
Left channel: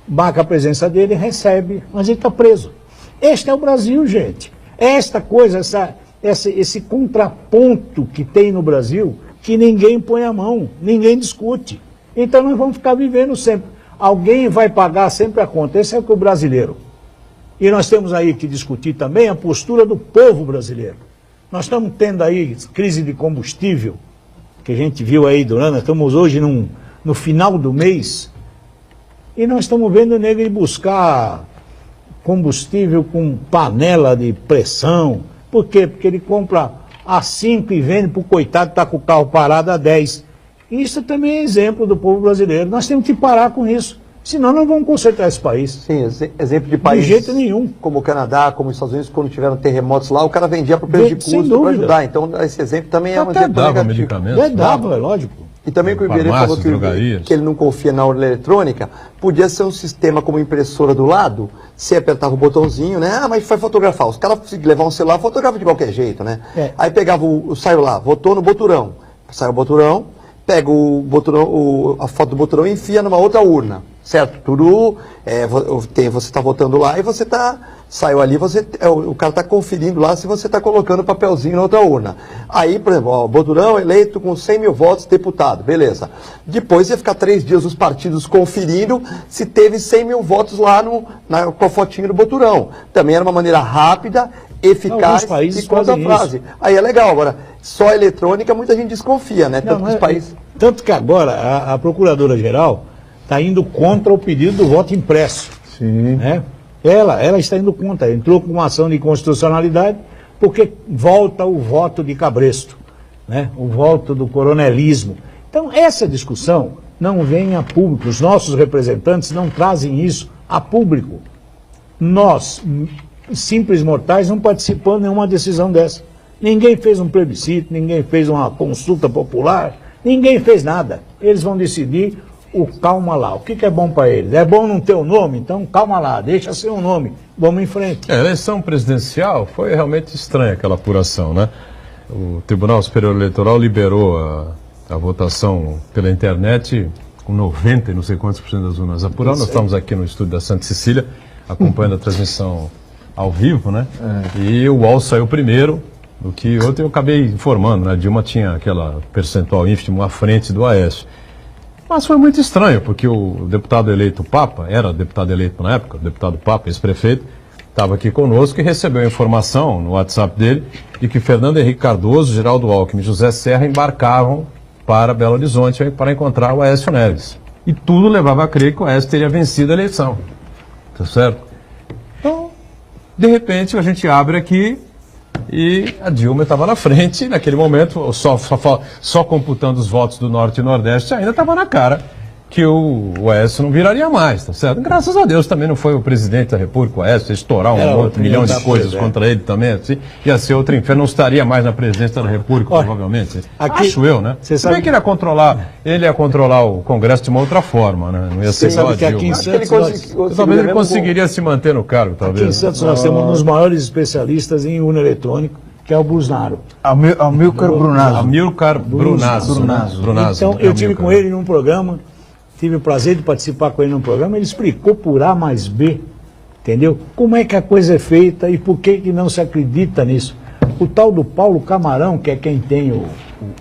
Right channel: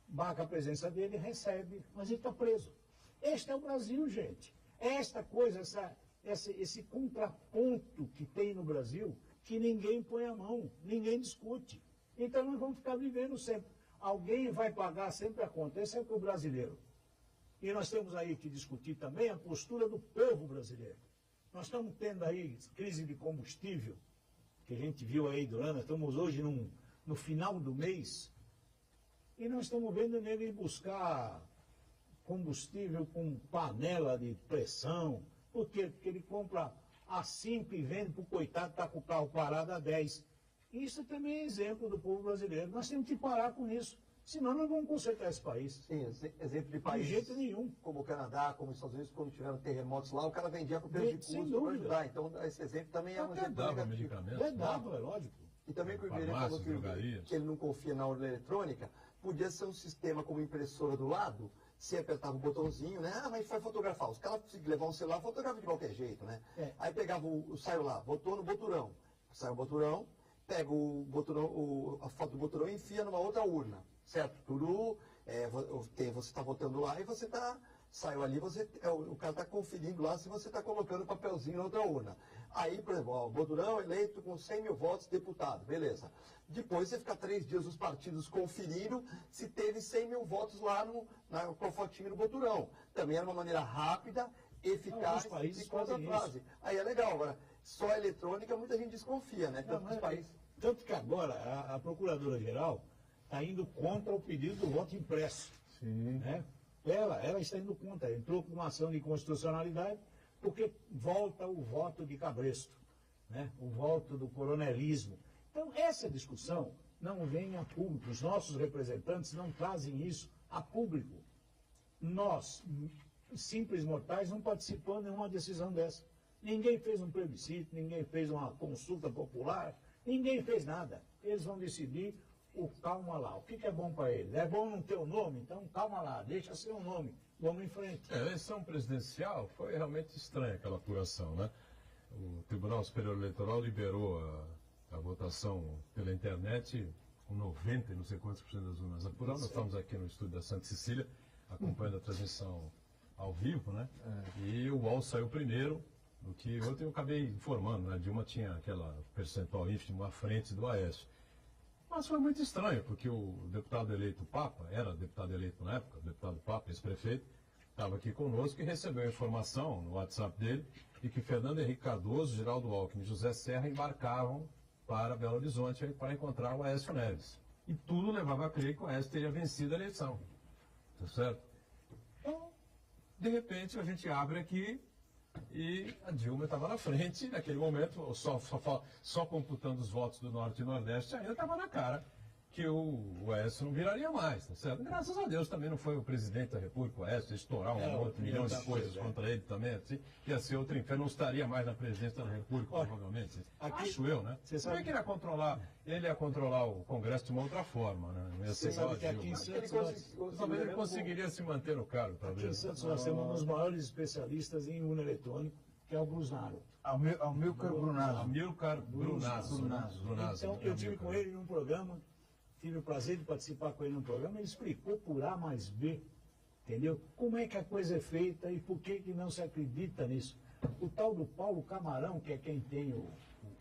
marca a presença dele, recebe, mas ele está preso. Este é o Brasil, gente. Esta coisa, esse contraponto que tem no Brasil, que ninguém põe a mão, ninguém discute. Então nós vamos ficar vivendo sempre. Alguém vai pagar sempre a conta. Esse é o brasileiro. E nós temos aí que discutir também a postura do povo brasileiro. Nós estamos tendo aí crise de combustível, que a gente viu aí durante, estamos hoje no final do mês, e nós estamos vendo o nego ir buscar combustível com panela de pressão. Por quê? Porque ele compra a 5 e vende para o coitado que está com o carro parado a 10. Isso também é exemplo do povo brasileiro. Nós temos que parar com isso. Senão não vamos consertar esse país. Sim, exemplo de países de jeito nenhum. Como o Canadá, como os Estados Unidos, quando tiveram terremotos lá, o cara vendia para o preço de custo para ajudar. Então, esse exemplo também é um exemplo negativo. Medicamentos. Dava, é lógico. E também o que o Iberê falou que ele não confia na urna eletrônica, podia ser um sistema como impressora do lado, você apertava o botãozinho, né? Mas vai fotografar. Os caras levavam um celular, fotografa de qualquer jeito, né? Aí pegava saiu lá, votou no boturão. Saiu o boturão, pega a foto do boturão e enfia numa outra urna. Certo? Tudo, você está votando lá e você saiu ali, o cara está conferindo lá se você está colocando papelzinho na outra urna. Aí, por exemplo, o Boturão eleito com 100 mil votos, deputado, beleza. Depois ia ficar 3 dias os partidos conferindo se teve 100 mil votos lá com a fotinha do Boturão. Também era uma maneira rápida, eficaz e conta a frase. Aí é legal, agora, só eletrônica muita gente desconfia, né? Tanto que agora a Procuradora-Geral está indo contra o pedido do voto impresso. Sim. Né? Ela está indo contra, entrou com uma ação de inconstitucionalidade, porque volta o voto de cabresto, né? O voto do coronelismo. Então, essa discussão não vem a público, os nossos representantes não trazem isso a público. Nós, simples mortais, não participamos de nenhuma decisão dessa. Ninguém fez um plebiscito, ninguém fez uma consulta popular, ninguém fez nada. Eles vão decidir calma lá. O que é bom para eles? É bom não ter o nome? Então calma lá, deixa ser um nome. Vamos em frente. A eleição presidencial foi realmente estranha aquela apuração, né? O Tribunal Superior Eleitoral liberou a votação pela internet com 90 e não sei quantos por cento das urnas apuradas. Nós estamos aqui no estúdio da Santa Cecília, acompanhando a transmissão ao vivo, né? E o UOL saiu primeiro, o que ontem eu acabei informando, né? A Dilma tinha aquela percentual ínfimo à frente do Aécio. Mas foi muito estranho, porque o deputado eleito Papa, era deputado eleito na época, o deputado Papa, ex-prefeito, estava aqui conosco e recebeu a informação no WhatsApp dele de que Fernando Henrique Cardoso, Geraldo Alckmin e José Serra embarcavam para Belo Horizonte para encontrar o Aécio Neves. E tudo levava a crer que o Aécio teria vencido a eleição. Tá certo? Então, de repente, a gente abre aqui e a Dilma estava na frente, naquele momento, só computando os votos do Norte e Nordeste, ainda estava na cara que o Aécio não viraria mais, tá certo? Graças a Deus também não foi o presidente da República, o Aécio, estourar um milhão de coisas contra ele também, assim, ia ser outro inferno, não estaria mais na presidência da República, provavelmente. Acho eu, né? Você sabe que ele ia controlar o Congresso de uma outra forma, né? Não ia ser só a Dilma. Aqui em Santos, talvez ele conseguiria se manter no cargo, talvez. Aqui em Santos nós temos um dos maiores especialistas em urna eletrônica, que é o Busnaro. Amilcar Brunazzo. Amilcar Brunazzo. Então, eu tive com ele num programa, tive o prazer de participar com ele num programa, ele explicou por A mais B, entendeu? Como é que a coisa é feita e por que não se acredita nisso. O tal do Paulo Camarão, que é quem tem o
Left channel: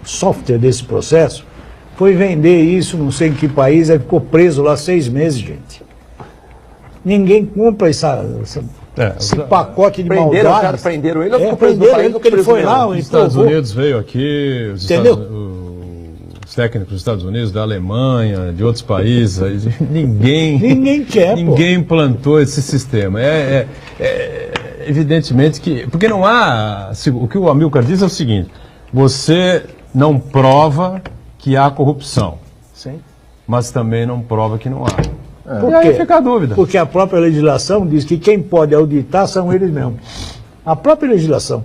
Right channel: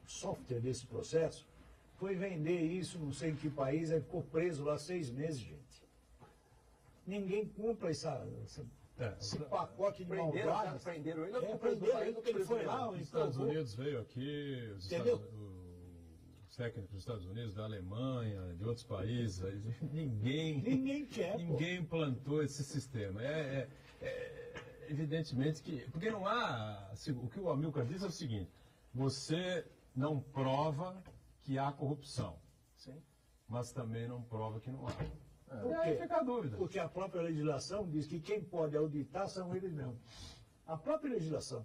software desse processo, foi vender isso, não sei em que país, aí ficou preso lá 6 meses, gente. Ninguém compra esse pacote de maldades. Prenderam ele ou ficou preso no país? Porque ele foi lá. Os Estados Unidos veio aqui, os técnicos dos Estados Unidos, da Alemanha, de outros países, ninguém quer, ninguém implantou esse sistema. Evidentemente que... Porque não há... O que o Amilcar diz é o seguinte, você não prova que há corrupção, sim, mas também não prova que não há. Por e aí fica a dúvida. Porque a própria legislação diz que quem pode auditar são eles mesmos. A própria legislação.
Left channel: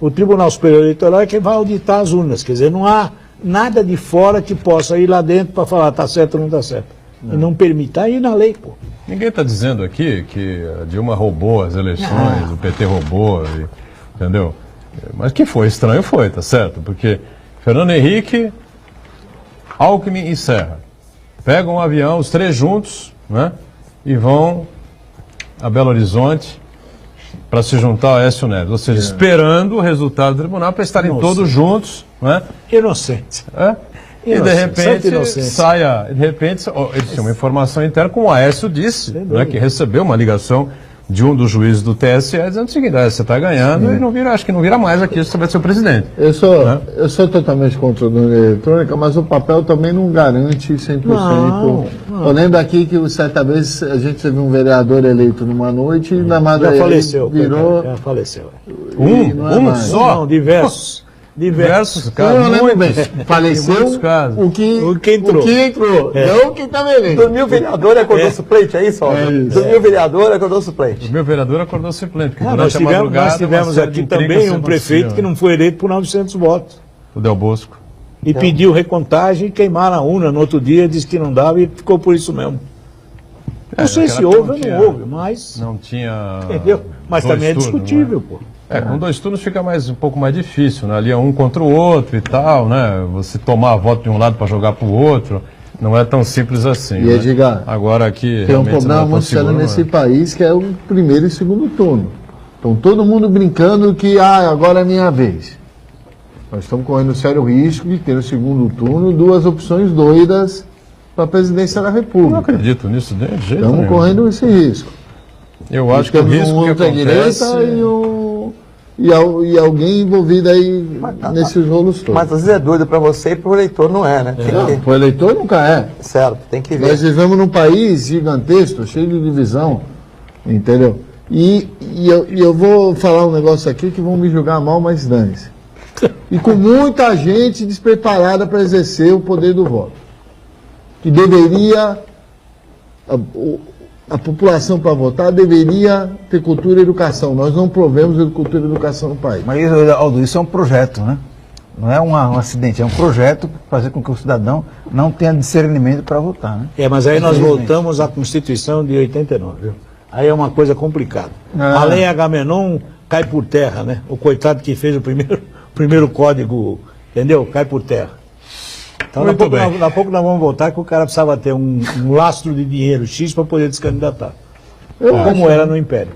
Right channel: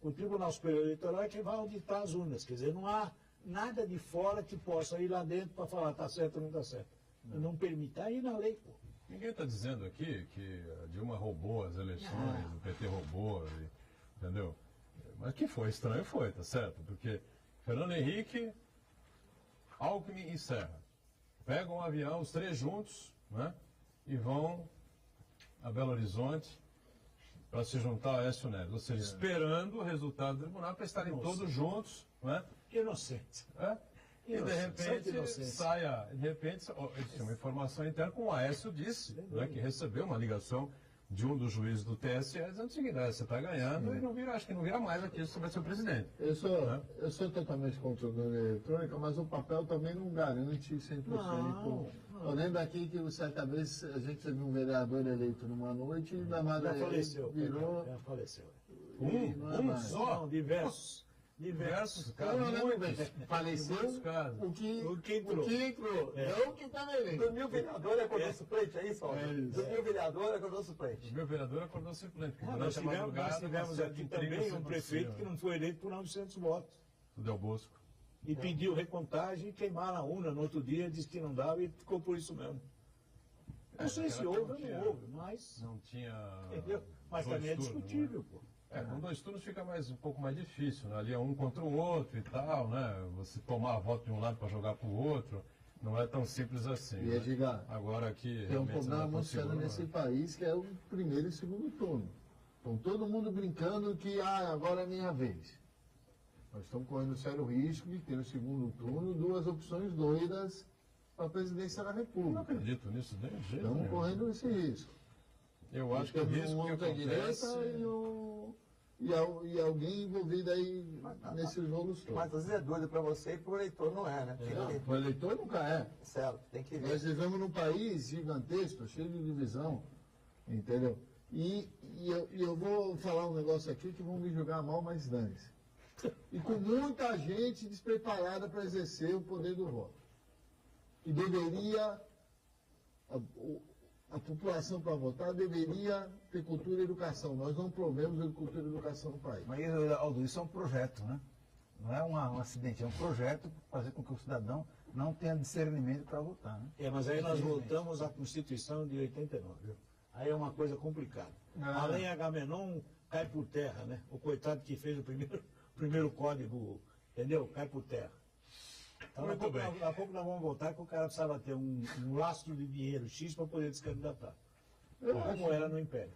O Tribunal Superior Eleitoral é quem vai auditar as urnas. Quer dizer, não há nada de fora que possa ir lá dentro para falar está certo ou não está certo. E não permitir ir na lei, pô. Ninguém está dizendo aqui que a Dilma roubou as eleições, o PT roubou, entendeu? Mas que foi estranho foi, tá certo? Porque Fernando Henrique, Alckmin e Serra pegam um avião, os 3 juntos, né? E vão a Belo Horizonte para se juntar ao Aécio Neves. Ou seja, esperando o resultado do tribunal para estarem todos juntos, né? Inocente. E de repente eles tinham uma informação interna, como o Aécio disse, né, que recebeu uma ligação de um dos juízes do TSE dizendo o seguinte, você está ganhando e não vira, acho que não vira mais aqui, você vai ser o presidente. Eu sou totalmente contra a urna eletrônica, mas o papel também não garante 100%. Não. Eu lembro aqui que certa vez a gente teve um vereador eleito numa noite e na madrugada virou... Já faleceu. Um só? Não, diversos. Diversos casos. Eu lembro bem. Faleceu o que entrou. Não o que estava eleito. Dormiu vereador e acordou suplente, é isso? Dormiu vereador e acordou suplente. Dormiu vereador e acordou suplente. Nós tivemos aqui também um prefeito que não foi eleito por 900 votos. O Del Bosco. E pediu recontagem e queimaram a urna no outro dia, disse que não dava e ficou por isso mesmo. Não sei se houve ou não houve, mas... Não tinha... Entendeu? Mas também é discutível, pô. Com 2 turnos fica um pouco mais difícil, né? Ali é um contra o outro e tal, né? Você tomar a voto de um lado para jogar para o outro, não é tão simples assim. E Edgar, agora aqui tem um problema muito sério nesse país, que é o primeiro e segundo turno. Então todo mundo brincando que agora é minha vez. Nós estamos correndo um sério risco de ter no segundo turno 2 opções doidas para a presidência da República. Não acredito nisso de jeito nenhum. Estamos correndo esse risco. Eu acho que o risco que acontece... E alguém envolvido aí nesses rolos todos. Mas às vezes é doido para você e para o eleitor não é, né? Para o eleitor nunca é. Certo, tem que ver. Nós vivemos num país gigantesco, cheio de divisão, entendeu? E eu vou falar um negócio aqui que vão me julgar mal, mas dane-se. E com muita gente despreparada para exercer o poder do voto. Que deveria... A população para votar deveria ter cultura e educação. Nós não provemos cultura e educação no país. Mas, Aldo, isso é um projeto, né? Não é um acidente, é um projeto para fazer com que o cidadão não tenha discernimento para votar, né? Mas aí nós voltamos à Constituição de 89, viu? Aí é uma coisa complicada. A lei Agamenon cai por terra, né? O coitado que fez o primeiro código, entendeu? Cai por terra. Então, daqui a pouco nós vamos voltar que o cara precisava ter um lastro de dinheiro X para poder descandidatar. Como era no Império.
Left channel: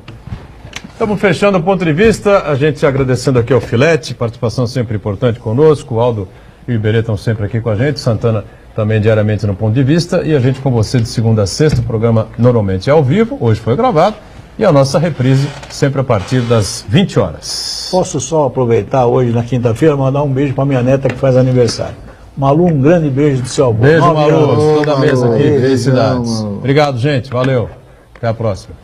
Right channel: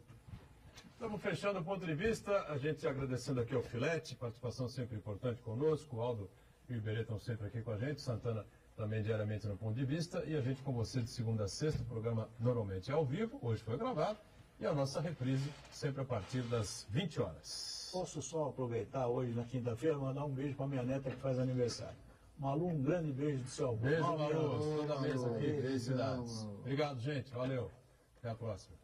Estamos fechando o ponto de vista. A gente agradecendo aqui ao Filete, participação sempre importante conosco. O Aldo e o Iberê estão sempre aqui com a gente. Santana também diariamente no ponto de vista. E a gente com você de segunda a sexta. O programa normalmente é ao vivo, hoje foi gravado. E a nossa reprise sempre a partir das 20 horas. Posso só aproveitar hoje, na quinta-feira, mandar um beijo para minha neta que faz aniversário. Malu, um grande beijo do seu avô. Beijo, Malu. Toda a mesa aqui. Felicidades. Obrigado, gente. Valeu. Até a próxima.